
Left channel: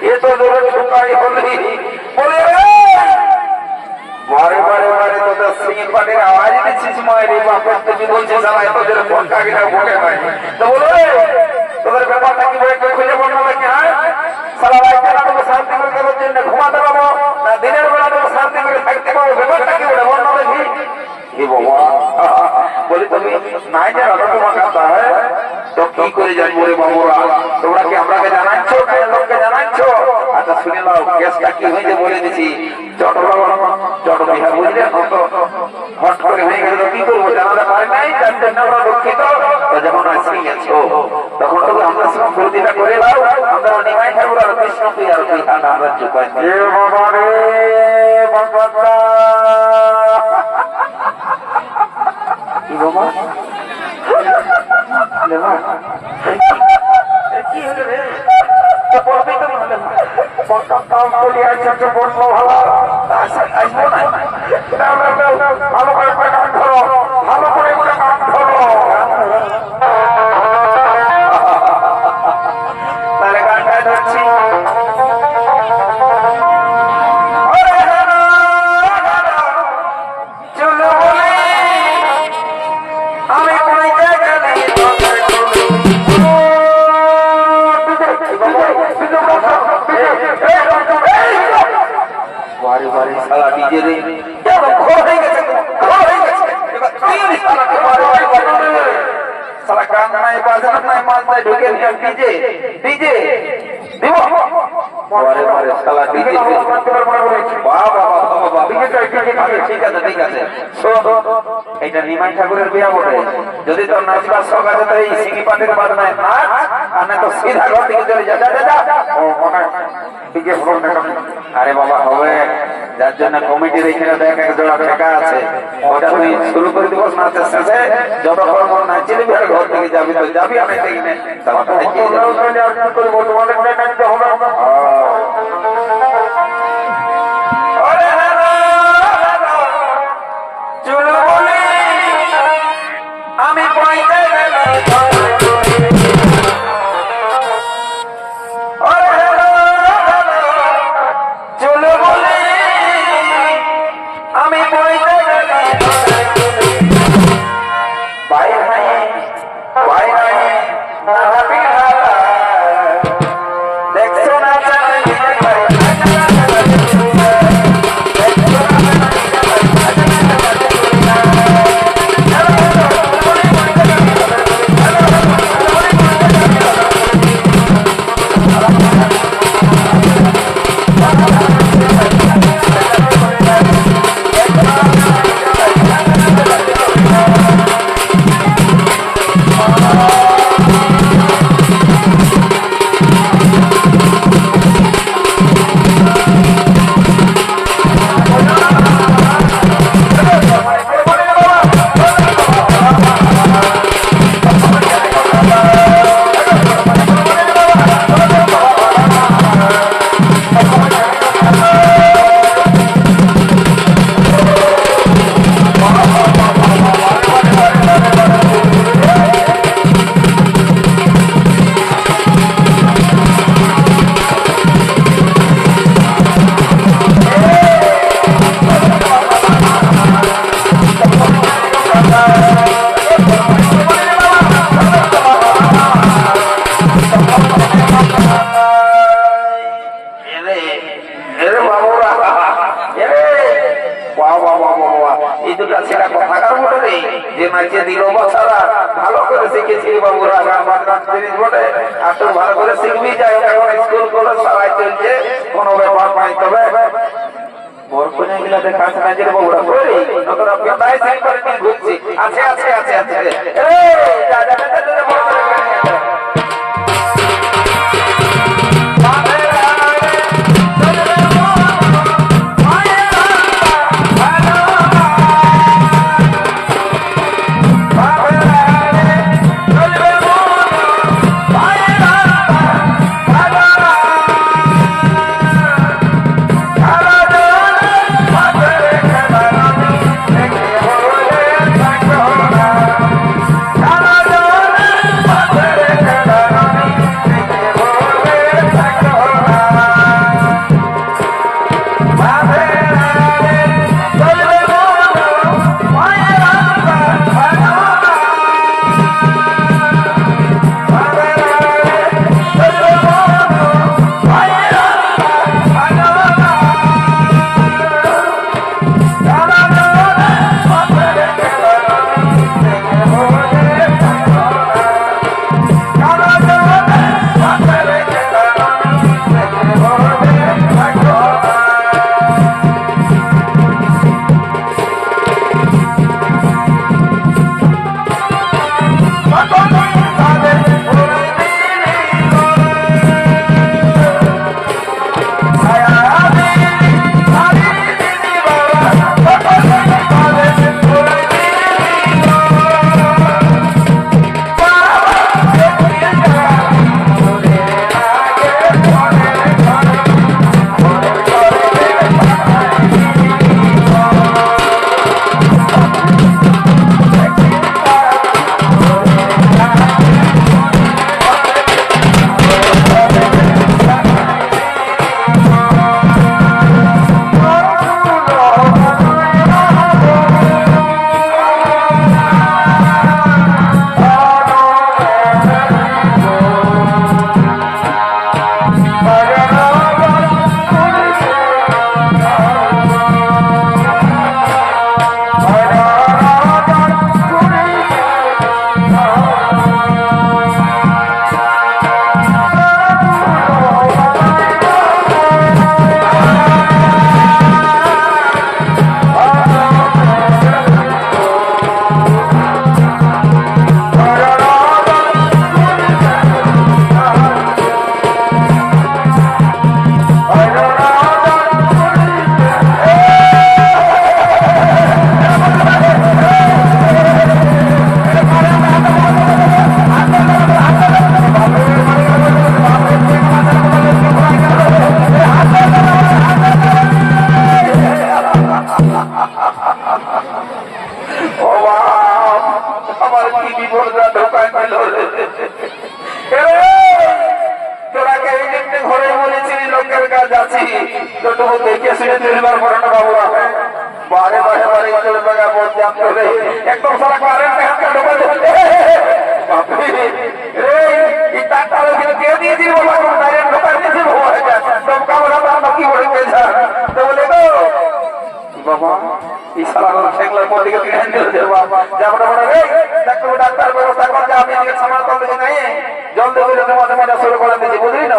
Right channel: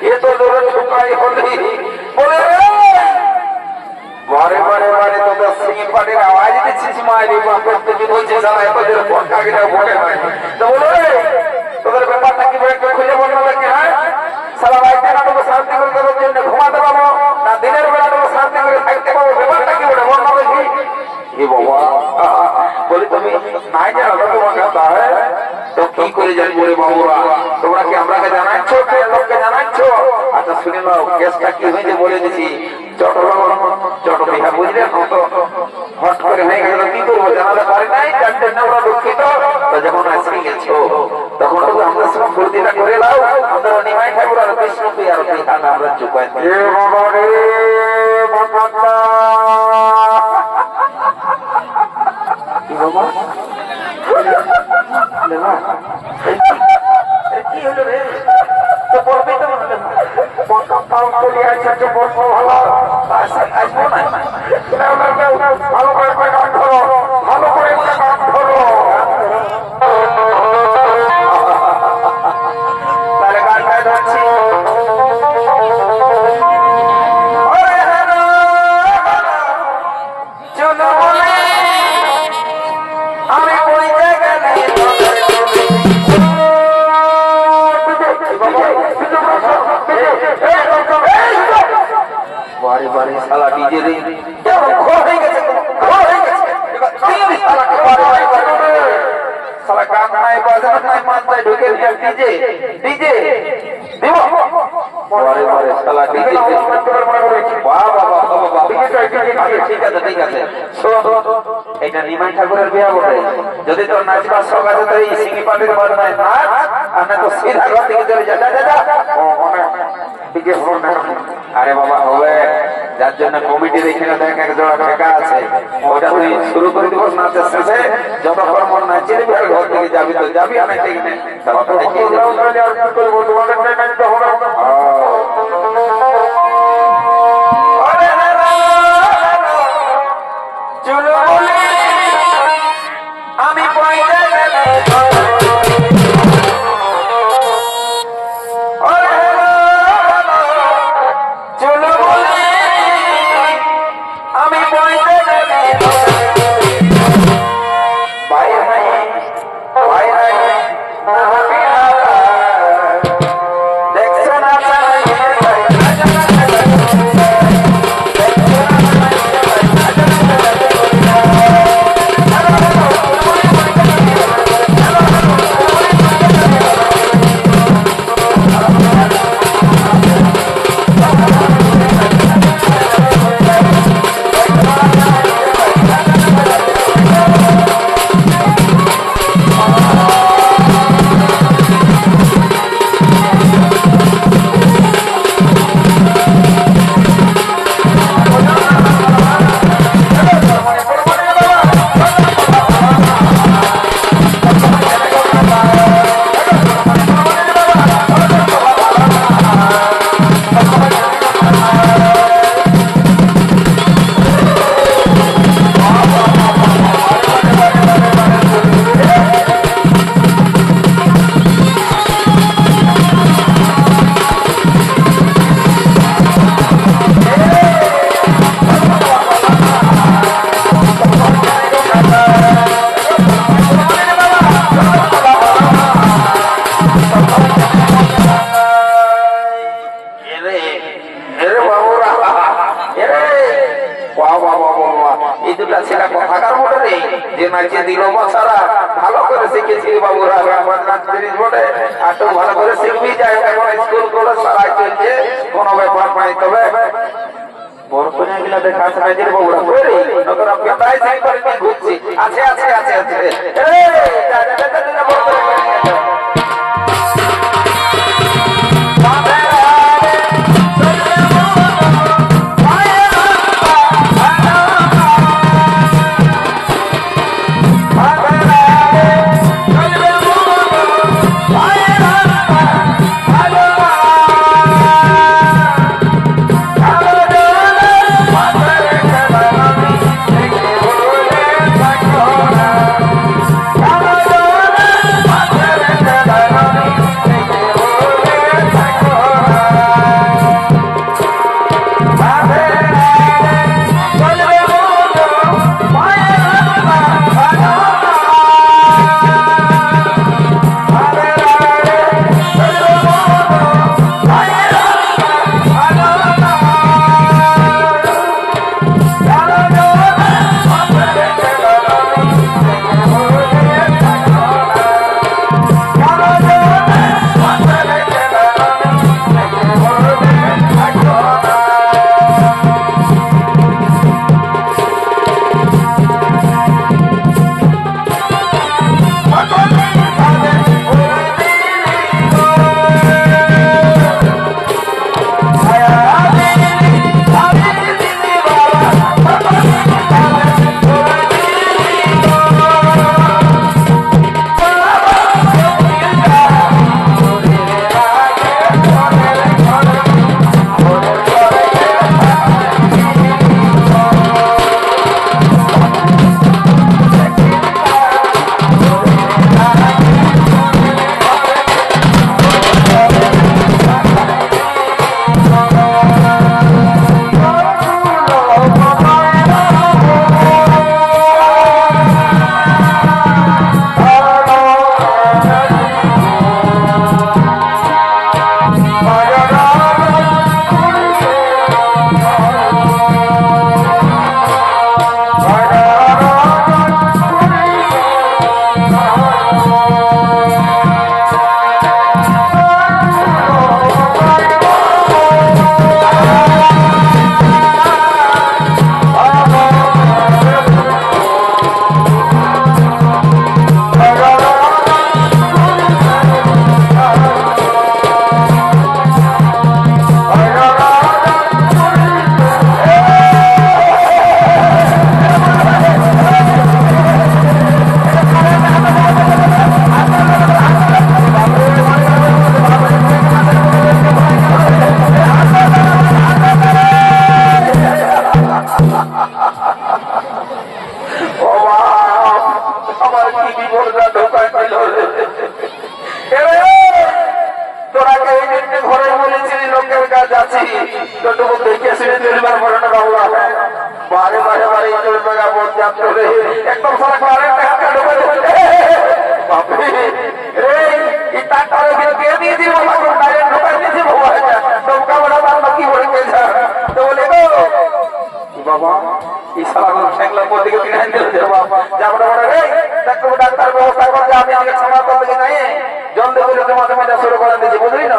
এ তো জোরে ঠুকাই হলি বলে রে বারে বারে বারে তোদের সিংহের পাটির আওয়াজ দিচ্ছিস মায়ের বাপের থেকে বলছে জানা এত জোরে পটকা গেলে ভোটে হয় তো বলো রে তোদের ব্যাপারটা কি বলে একটু খুঁজে বললো নাকি হ্যাঁ সারা রাইতে না তোকে শান্তি করে দেওয়ার জন্য ঘুমাতে পাবো না দিনের বেলা তোকে শান্তি করে থাকতে পাবো ব্যাপারটা কি বলে বললো দেখি এ বাবা বলি তুমি নাই জানো তো তোমার কথা হ্যাঁ তো কি করে জানবো রে বাবুরা তোমরা কি আমরাকে জানাচ্ছ লোককে জানাচ্ছ আচ্ছা শুনে নাও কেসটা কি হয়েছে বলে দিচ্ছি চট বিহা বুঝলে তো হট করে হয়ে গেছে তো কি করবো জানাতে পারে নাই যার জন্য আমরা দুঃখিত তো যখন আসি গেছো তখন তো আমরা সব ফুলদিটা করে দাও আমরা নিমাই ঠাকুর আর বিষ্ণু আর বিহাটা আমরা চুপাই এ বাবা রে বাবা কি বাবা কি হলো রে তো বলবি তো ভালো করে গান ধরো ভালো করে গান ধরো তাহলে গানটা ধরছি চলো বলে আমি পড়ে গেলে বাড়ি বাড়ি শালা ডিজে রে ঘোর হয়ে গেছে শালা গান নাই বাজানো নাই মাথায় ঢুকে ডিজে ডিজে দিব বারে বারে শালা ডিজে বাবা বাবা বাবা ঠিক আছে ঠিক আছে এটা নিমাই ঠাকুরের বিয়া বটে যদি তোর নাচবার শখ আছে তো এই সিঙ্গি পাটির বাজনায় নাচ আর না তো সিধা ঘর থেকে চলে যা যা যা আরে বাবা হবে যার জন্য কমিটির এখানে দেখ এক জোড়া ঠেকা আছে ওটা তুই শুরু করে দিব নাচের শেষে যতক্ষণ মন নাচিয়ে দিবি আর ঘর থেকে যাবি তো যাবি আমি ঠিক চলো বলে আমি পয়সা গেলে চলো বলে আমি পয়সা গেলে বাইরে বাইরে না বিহারা দেখছো না ভালো করে শিখেছি বাবুরা জিনিস বটে আর তো ভালো করে শিখবি যাই এখন স্কুল কলেজ সারাই চলছে কোনো ব্যাপার নাই তবে বরকনে গিলা দেখার না যে বাবুরা করে নতুন আপনি প্রায় সাইন করে কি ঘুরছি আছে আছে আছে আছে এই যা যা যা যা বরকনে যাচ্ছি তোটুকু দেখে শুনে চলবার পরে না বাবু বারে বারে বারে চলে বাজা বলতে আপনাকে একদম সারা কারেন্ট হাতে ঢোকে বাপরে এই তারটারে কে দিয়েছি বাবা কারেন্ট ঢোকা দিয়েছি বাবা দমকা বলে তার বাকি হয়ে গেছে তো বলে গো বাবা এই সালার ঠেকলার পর দিকে পিড়াই দিতে বাবা যাবো না রে দেখো ডাক্তার ব্যবস্থা করতে আমি আজকে ছাড়া করতে যাই জল দেবো লোকে মাঝে মাঝে শুরু করে দিয়েছি বুঝলি না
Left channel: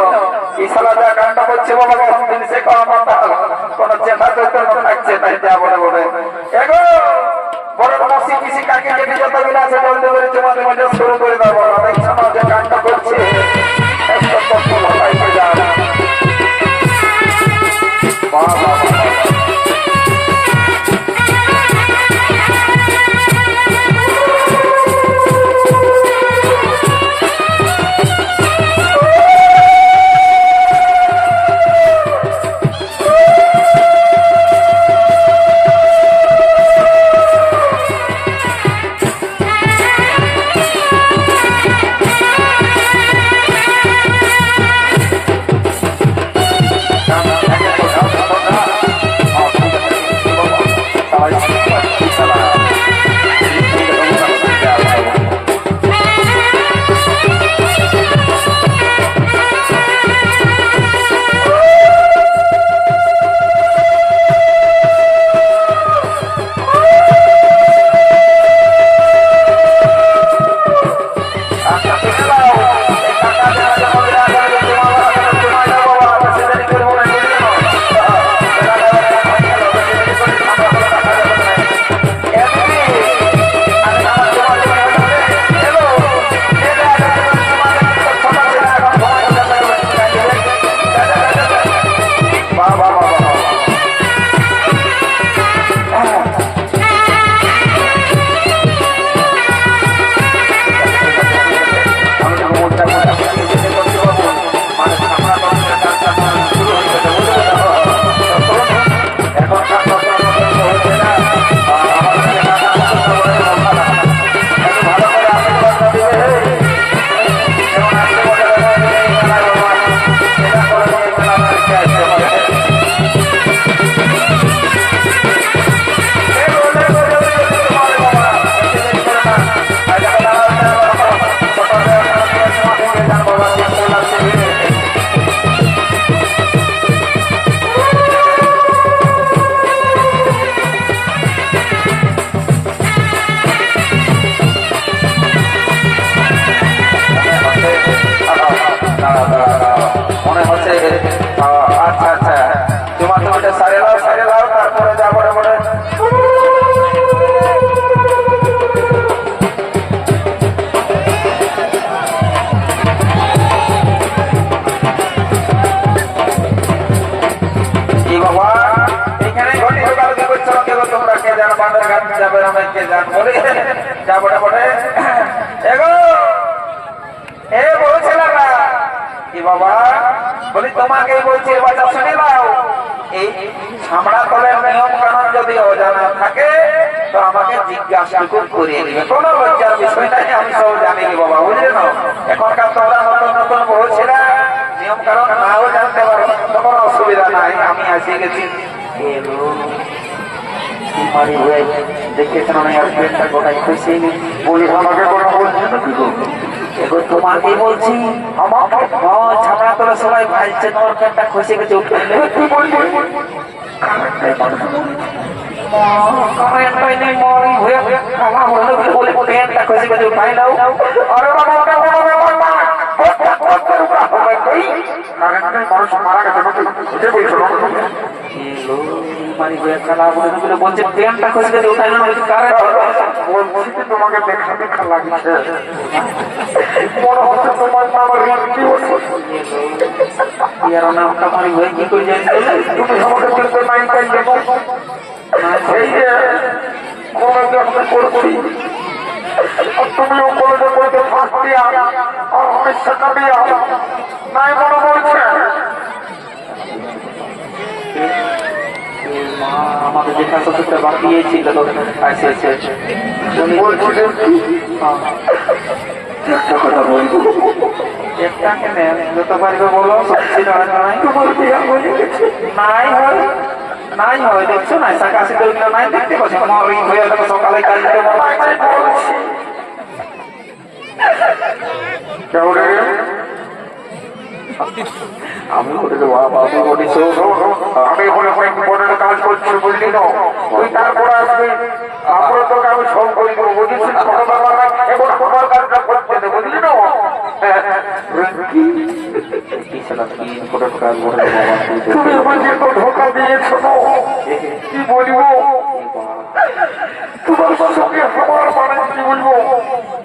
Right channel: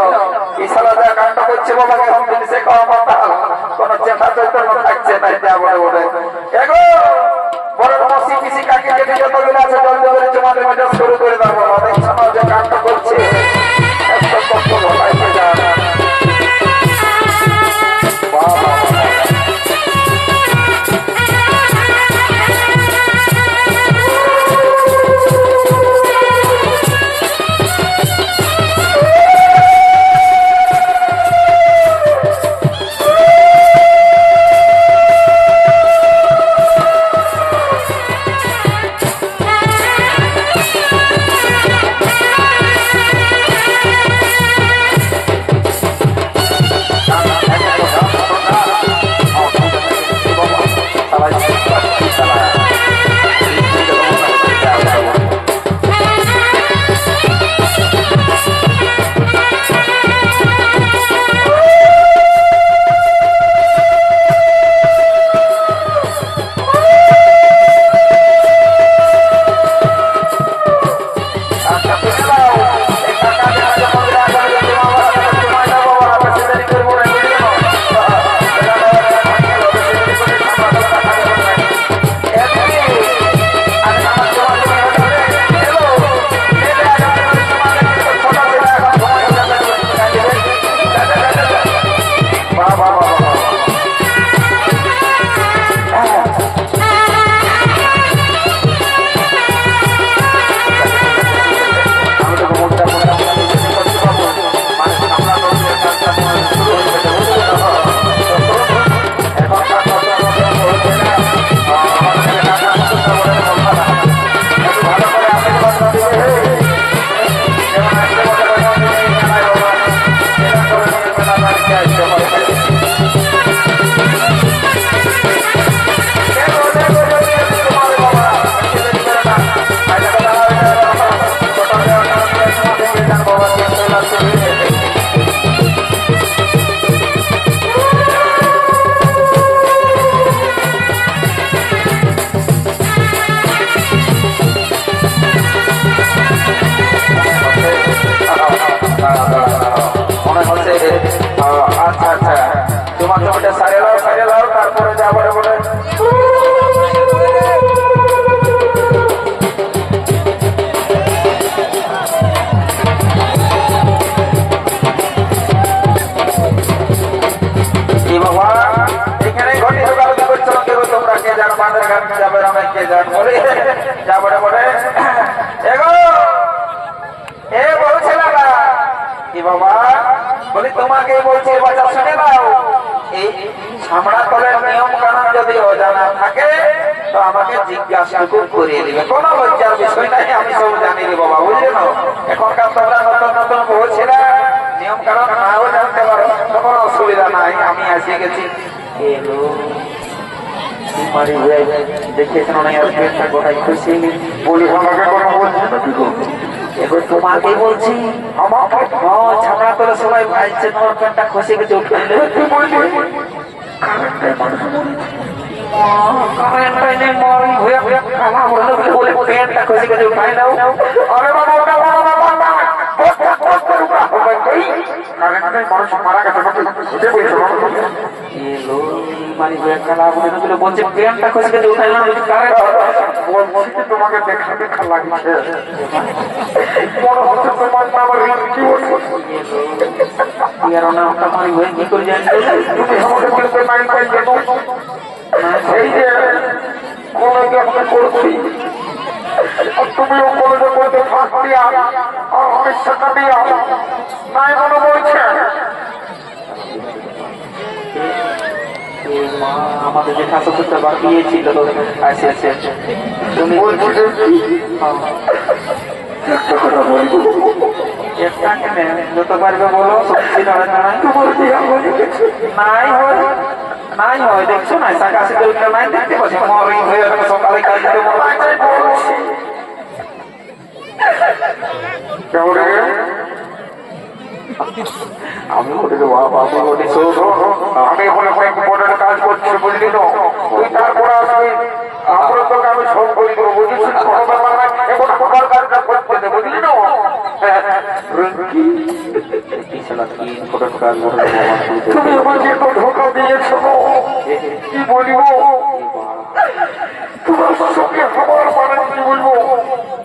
এই সালা যা কাণ্ড করছে বাবা এখন দিন সে খাওয়া মাথা কোন চেষ্টা চৈতন্য থাকছে তাই যাবো না বলে এগো বড় মাসি পিসি কাকি যেতে যতগুলো আছে জল দেবো মাঝে মাঝে শুরু করে দেবো দেখছো না যে কাণ্ড করছে এত কষ্ট ভাই যারা বাবা মনে হচ্ছে আচ্ছা আচ্ছা তোমার তোমাকে সারে লাও তারপরে যা বলে বলে বাবা এখানে ঘটি ঢোকাঢুকি করছো কেউ তোমরা কে জানো বাঁধের ঘাট যাবে আমি কে জান বলে যা বলে বলে এগো এ বড় ছেলেরা কি বাবা বলি তোমাকে বলছি বাচ্চা শুনে নাও এই ছামড়া তলের নিয়ম কানুন যদি অজানা থাকে তো আমাকে জিজ্ঞাসা করিয়ে দিবে কোনো লজ্জার বিষয় নাই আমি সব জানি রে বাবা বুঝলে না এখনকার তোমরা নতুন নতুন বলছিলা নিয়ম কানুন নাও জানতে পারো তো কোনো অসুবিধা নাই আমি এসে গেছি এলো তোমার দেখে শোনা আর পেটটা গোটাই খুশি বলি আমাকে কোনো বলছে না কি করবো এবার তোমাকে বলছি আমাকে ছাপড়া করে সবাই ভাইছে তোর পেটটা খসে গেছে পেটটা খসে গেছে উঠাই নাও আরে বাবা ওটা বড় ব্যাপার না মানুষ মারা গেছে বলছে পেনটা খসে গেছে উঠাই না বলছি তোমাকে দেখা দেখা লাগছে বড় হচ্ছে তোমার নামের নামটা মানে কি করে জানি তুমি আমাকে বলতে নাই পাই জানো এই যে কলেজে আমরা করি তুমিও কলেজে পড়তে ফাঁস দিয়া আর অনেক শেখা দিয়া নাই মনে বলছে মা আমাদের যে স্বাস্থ্যটা বাড়িয়েছিল আচ্ছা আচ্ছা একটা কথা বলবো একটা কেনে যত পারবে বলো, সত্যি নয় নাই তোমার বিয়া হয়ে গেছে। নাই হয় নাই হয়, দেখছো না সাকাশি দলটা নাই দেখতে পাচ্ছ, মরি হয়ে গেল সকালে কাল দিতে মনে হয়। কেউ রে? আমি বলি বাবা, আমি বলি আমি ওখানে অনেক ইম্পর্টেন্ট কাজ করছি, বুঝলি তো? তুই তারপরে আসবি, তারপরে তোকে আমি সব করে দেবো, বুঝিস? কোনো ব্যাপার না, এখন আমার কাজটা করতে দে, বুঝলি তো? তুমি আমাকে তো ধোকা দিয়েছো, কি বলবো? তোমার সঙ্গে আমার মানে কি বলবো,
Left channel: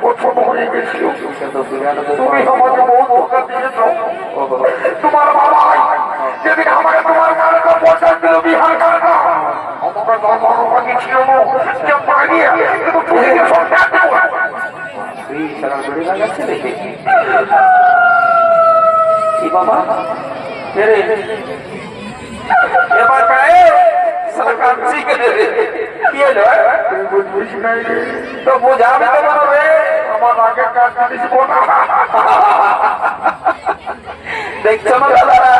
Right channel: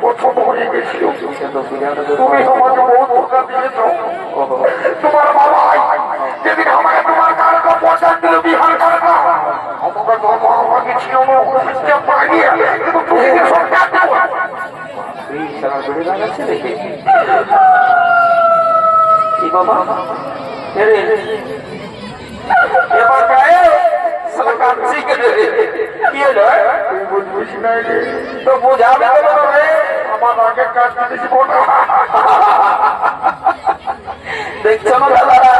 পছন্দ হয়ে গেছিল। তুমি আমাকে বহু ধোকা দিয়েছো। তোমার বাবা যেদিন আমাকে তোমার কারণে পৌঁছান দিল বিহার কারণে, আমাকে ধর্মকে ছিল না, যে পালিয়ে কিন্তু তুমি যে সরকার দেবো। বাবা এবার গায়ে সরকার কি হলো? তুই বুঝবিস নাই রে, তো বোঝাবে তো রে, আমার আগে কাজ করিস না। দেখছো না দাদারা,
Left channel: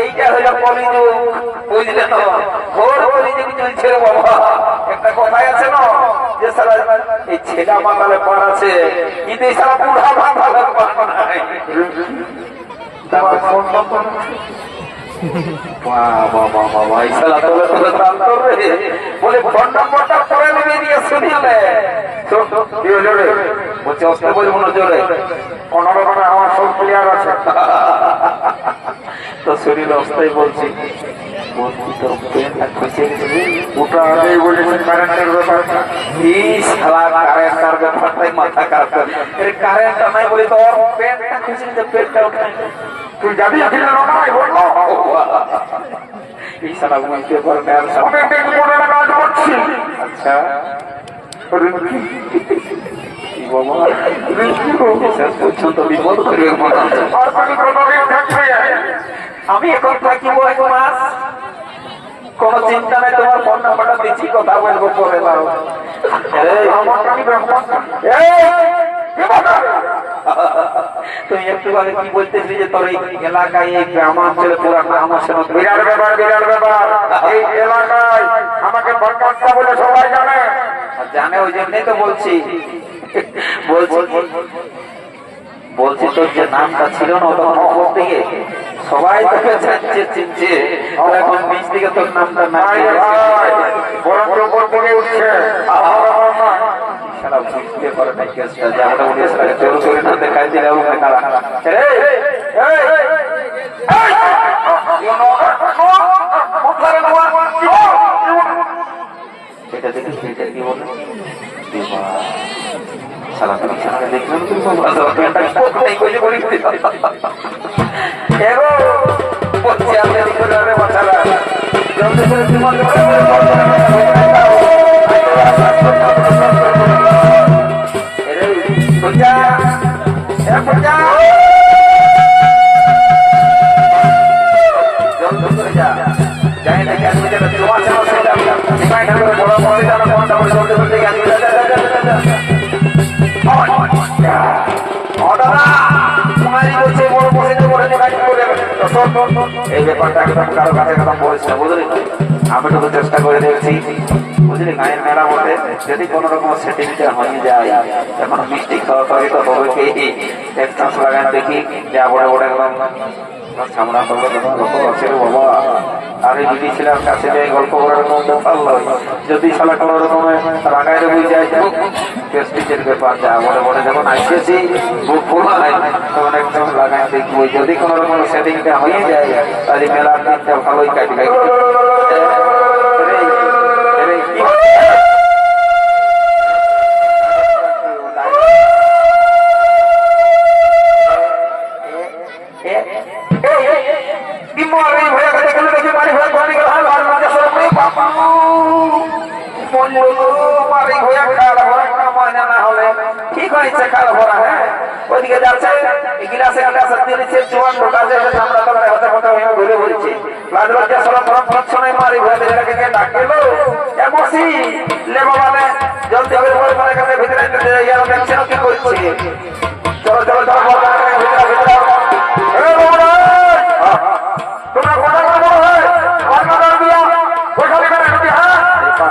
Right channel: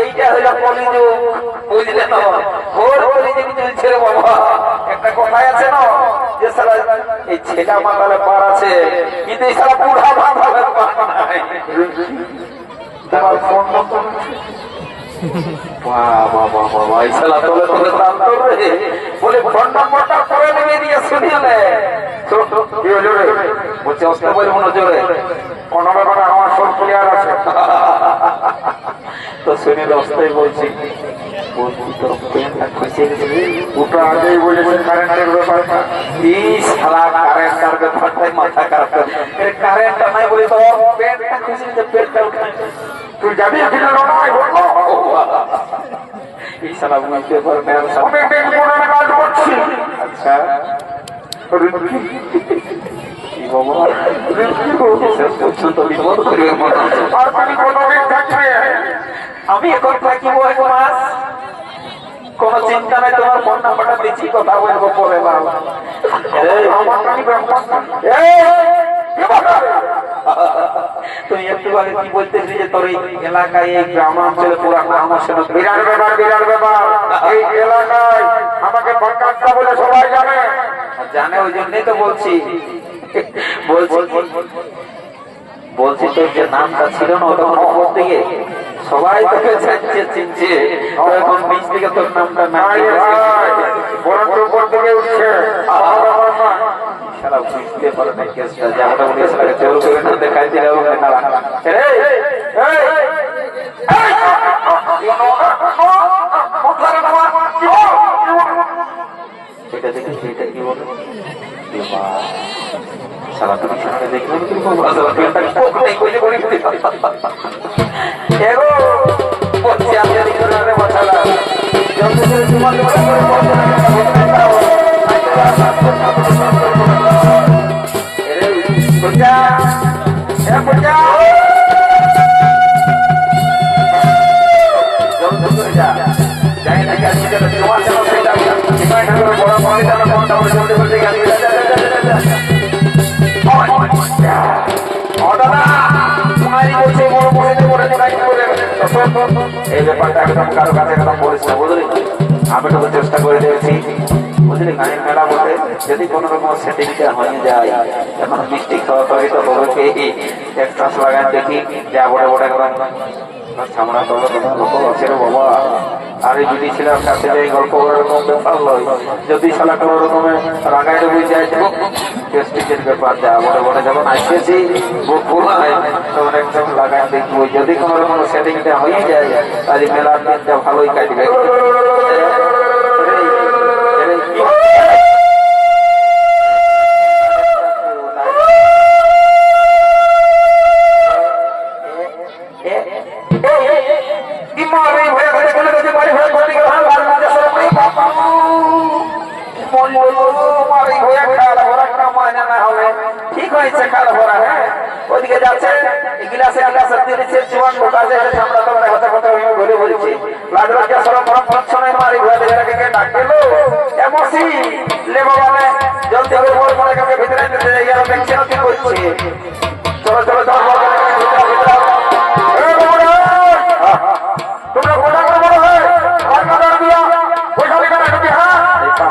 এইটা হইল কলিযুগ, বুঝলে না? ঘোর কলিযুগ চলছে রে বাবা। একটা কথাই আছে না যে সারা এই ছেলা মাতালে পার আছে, কিন্তু এই সারা বুড়া মাতালে পার নাই। তোমার ফোন নম্বর বাবা বাবা, এই সালা তোলে তোলে প্রান্তর রে, বলে ফোন নম্বরটা পরে নিয়ে দিয়ে শুনিলে কি হলো রে? বলছে অস্ত বলবো না জোরে। কোনো ব্যাপারে আমার সব ক্লিয়ার আছে। তো শরীর অবস্থায় বলছি, বলছি তোর পেনটা খুঁজে গেছে রে। ওটা আগেই বলেছে কারেন্টের ব্যাপারটা। এই শালা কারেন্টার ব্যাপারটাই মাথা খারাপ করে। এর কারেন্টটা নাই বলে তোর পেনটা খুঁজে গেছে, পেনটা উঠায়। তুই যাবি কিনা লড়াই বললো? এই শালা বুঝতে পারে না আর শালা। আমি টেলিফোনের কাজ করছি। আচ্ছা রিঙ্কি, কি বাবা, রিঙ্কি গো, শেষ পর্যন্ত বিপদ করবে মনে হচ্ছে। আর তুমি কতদিন থাকবে? আমি এখন থাকিব 1 মাস, কোন চিন্তা নাই, তোমার ফোন নাম্বারটা দিচ্ছি, কথা বলবো পরে। নাও আমার নাকি ব্যাপার না। তুমি একটু আগে কি বলতেছি যে তোর এই এলাকায় এই গ্রামাঞ্চলে পুরা নাম আসে না? বিরাট ব্যাপার, বিরাট ব্যাপার। এই এলাকায় আমাকে বরকাস্তা বলে সবাই জানে। জানে, ওই জন্যই তো বলছি বলছি তোর যে নামটা ছিল না তখন উপর দিকে সবাই তোকে জানছে, চিনছে, এখন নিচ থেকে তোর নামটা নাই। বরঞ্চ উপর থেকে উঠছে। সারা বুঝতে পারে না কেসটা, যেমনটা বলেছিল জোর করে না দেখাই দিলে এটা দেখে সেইটা কি বলে সারা তুমি দেখলাম তুমি এগো বলছি আপনি করে মাথারা জলদি করে তোমার পূজা পূজা যাই না তোমার এই ব্যাপারটা একদম কারো কাছে একদম বলিস না, বুঝলি? আমি তো চেষ্টা করে দেখছি, বুঝলি? গায়ের মেলা বলতে যদি কোন রকম সেটিংটা হয়ে যায়, এখন মিষ্টি খাওয়া খাওয়াই তো হবে কি এক চান্স লাগান দেখি, যা বড় বড় একদম সামনা করবো লোক আছে রে বাবা। আর এই যদি ছিলাম কাছে যাই গল্প করার কোনো ব্যাপার নয়, যদি সালা কোন রকমে রাগায় রবি যায় প্রেস্টিজের ব্যাপার, যা বড় বড় যখন আসতেছি বুক খোলা হয় তখন একদম লাগায় দেখবো, যদি কোন রকম সেটিংটা হয়ে যায় তাহলে মেলার দিনটা ভালোই কাটবে। ঠিক হয়েছে খাল ভরা, হ্যাঁ ওইদিকে যাচ্ছে গিলাসে গিলাসে দিয়েছে জোয়ান ঢোকা যায় আমরা তো হতে হতে ঘুরে বলছি লাগলো যে সরম ফরম সময় মারি ঘুরে দেখে ডাক দিল এমসি লে বাবা জলদি করে বল করে ভিতরে ইয়ার দেখছেন কি করছে, চলো চলো চলো ভিতরে ভিতরে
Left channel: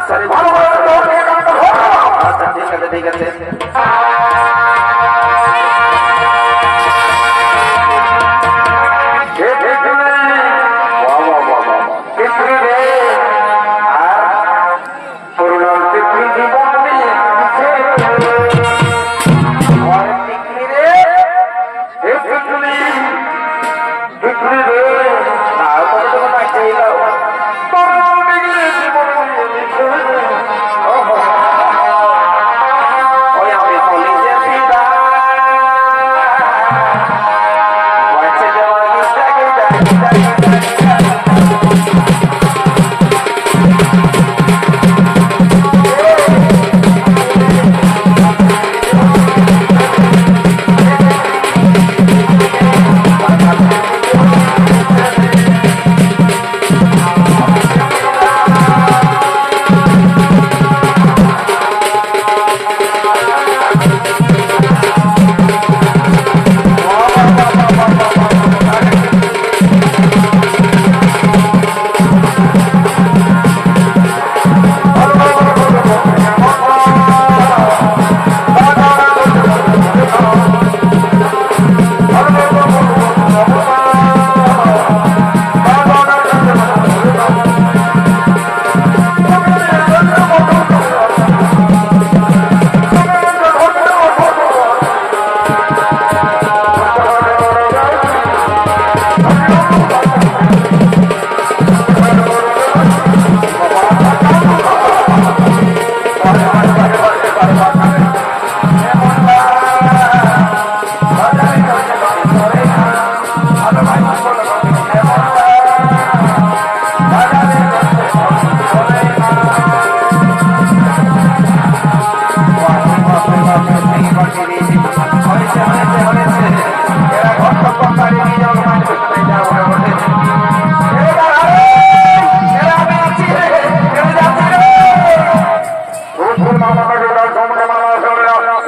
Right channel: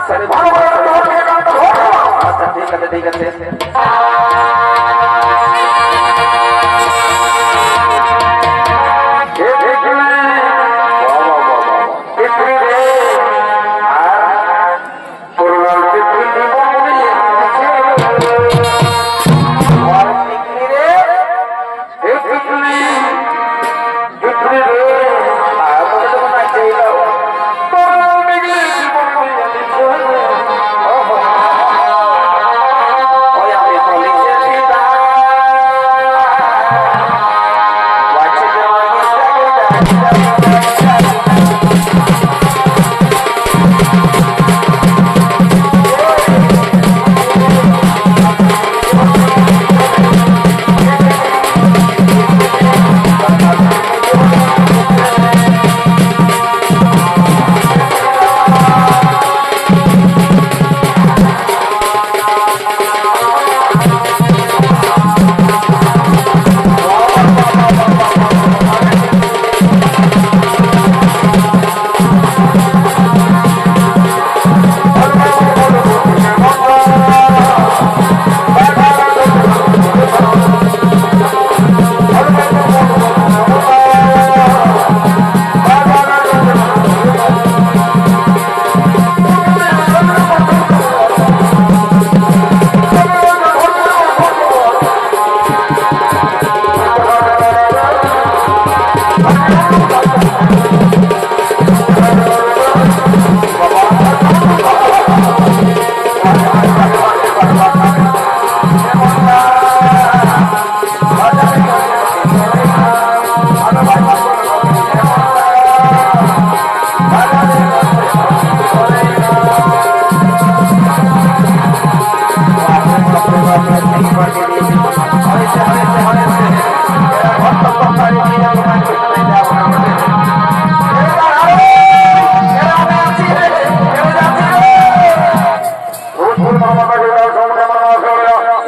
আচ্ছা রে, ভালো করে তোর থেকে কাজটা ধরো। আচ্ছা ঠিক আছে ঠিক আছে। হে পৃথিবী, বাহ বাহ বাহ বাহ বাহ। পৃথিবী রে, আর পুরুলার পৃথিবী জীবন নিয়ে দিছে। আর টিকলি রে, হে পৃথিবী, পৃথিবী রে, আর তোকে তো না চাইলাম। পুরুলার পৃথিবী জীবন নিয়ে দিছে। ওহো, ওই আমি হলি যে পিতা, বাচ্চা দেওয়া গিটাকে ডাকি ডাকি ডাকি ডাকি।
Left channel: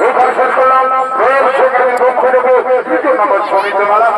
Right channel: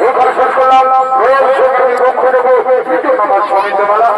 এখানে শেষ করলাম। রোজ সেখানে পক্ষ দেবো 2 নম্বর সমিতি মেলা।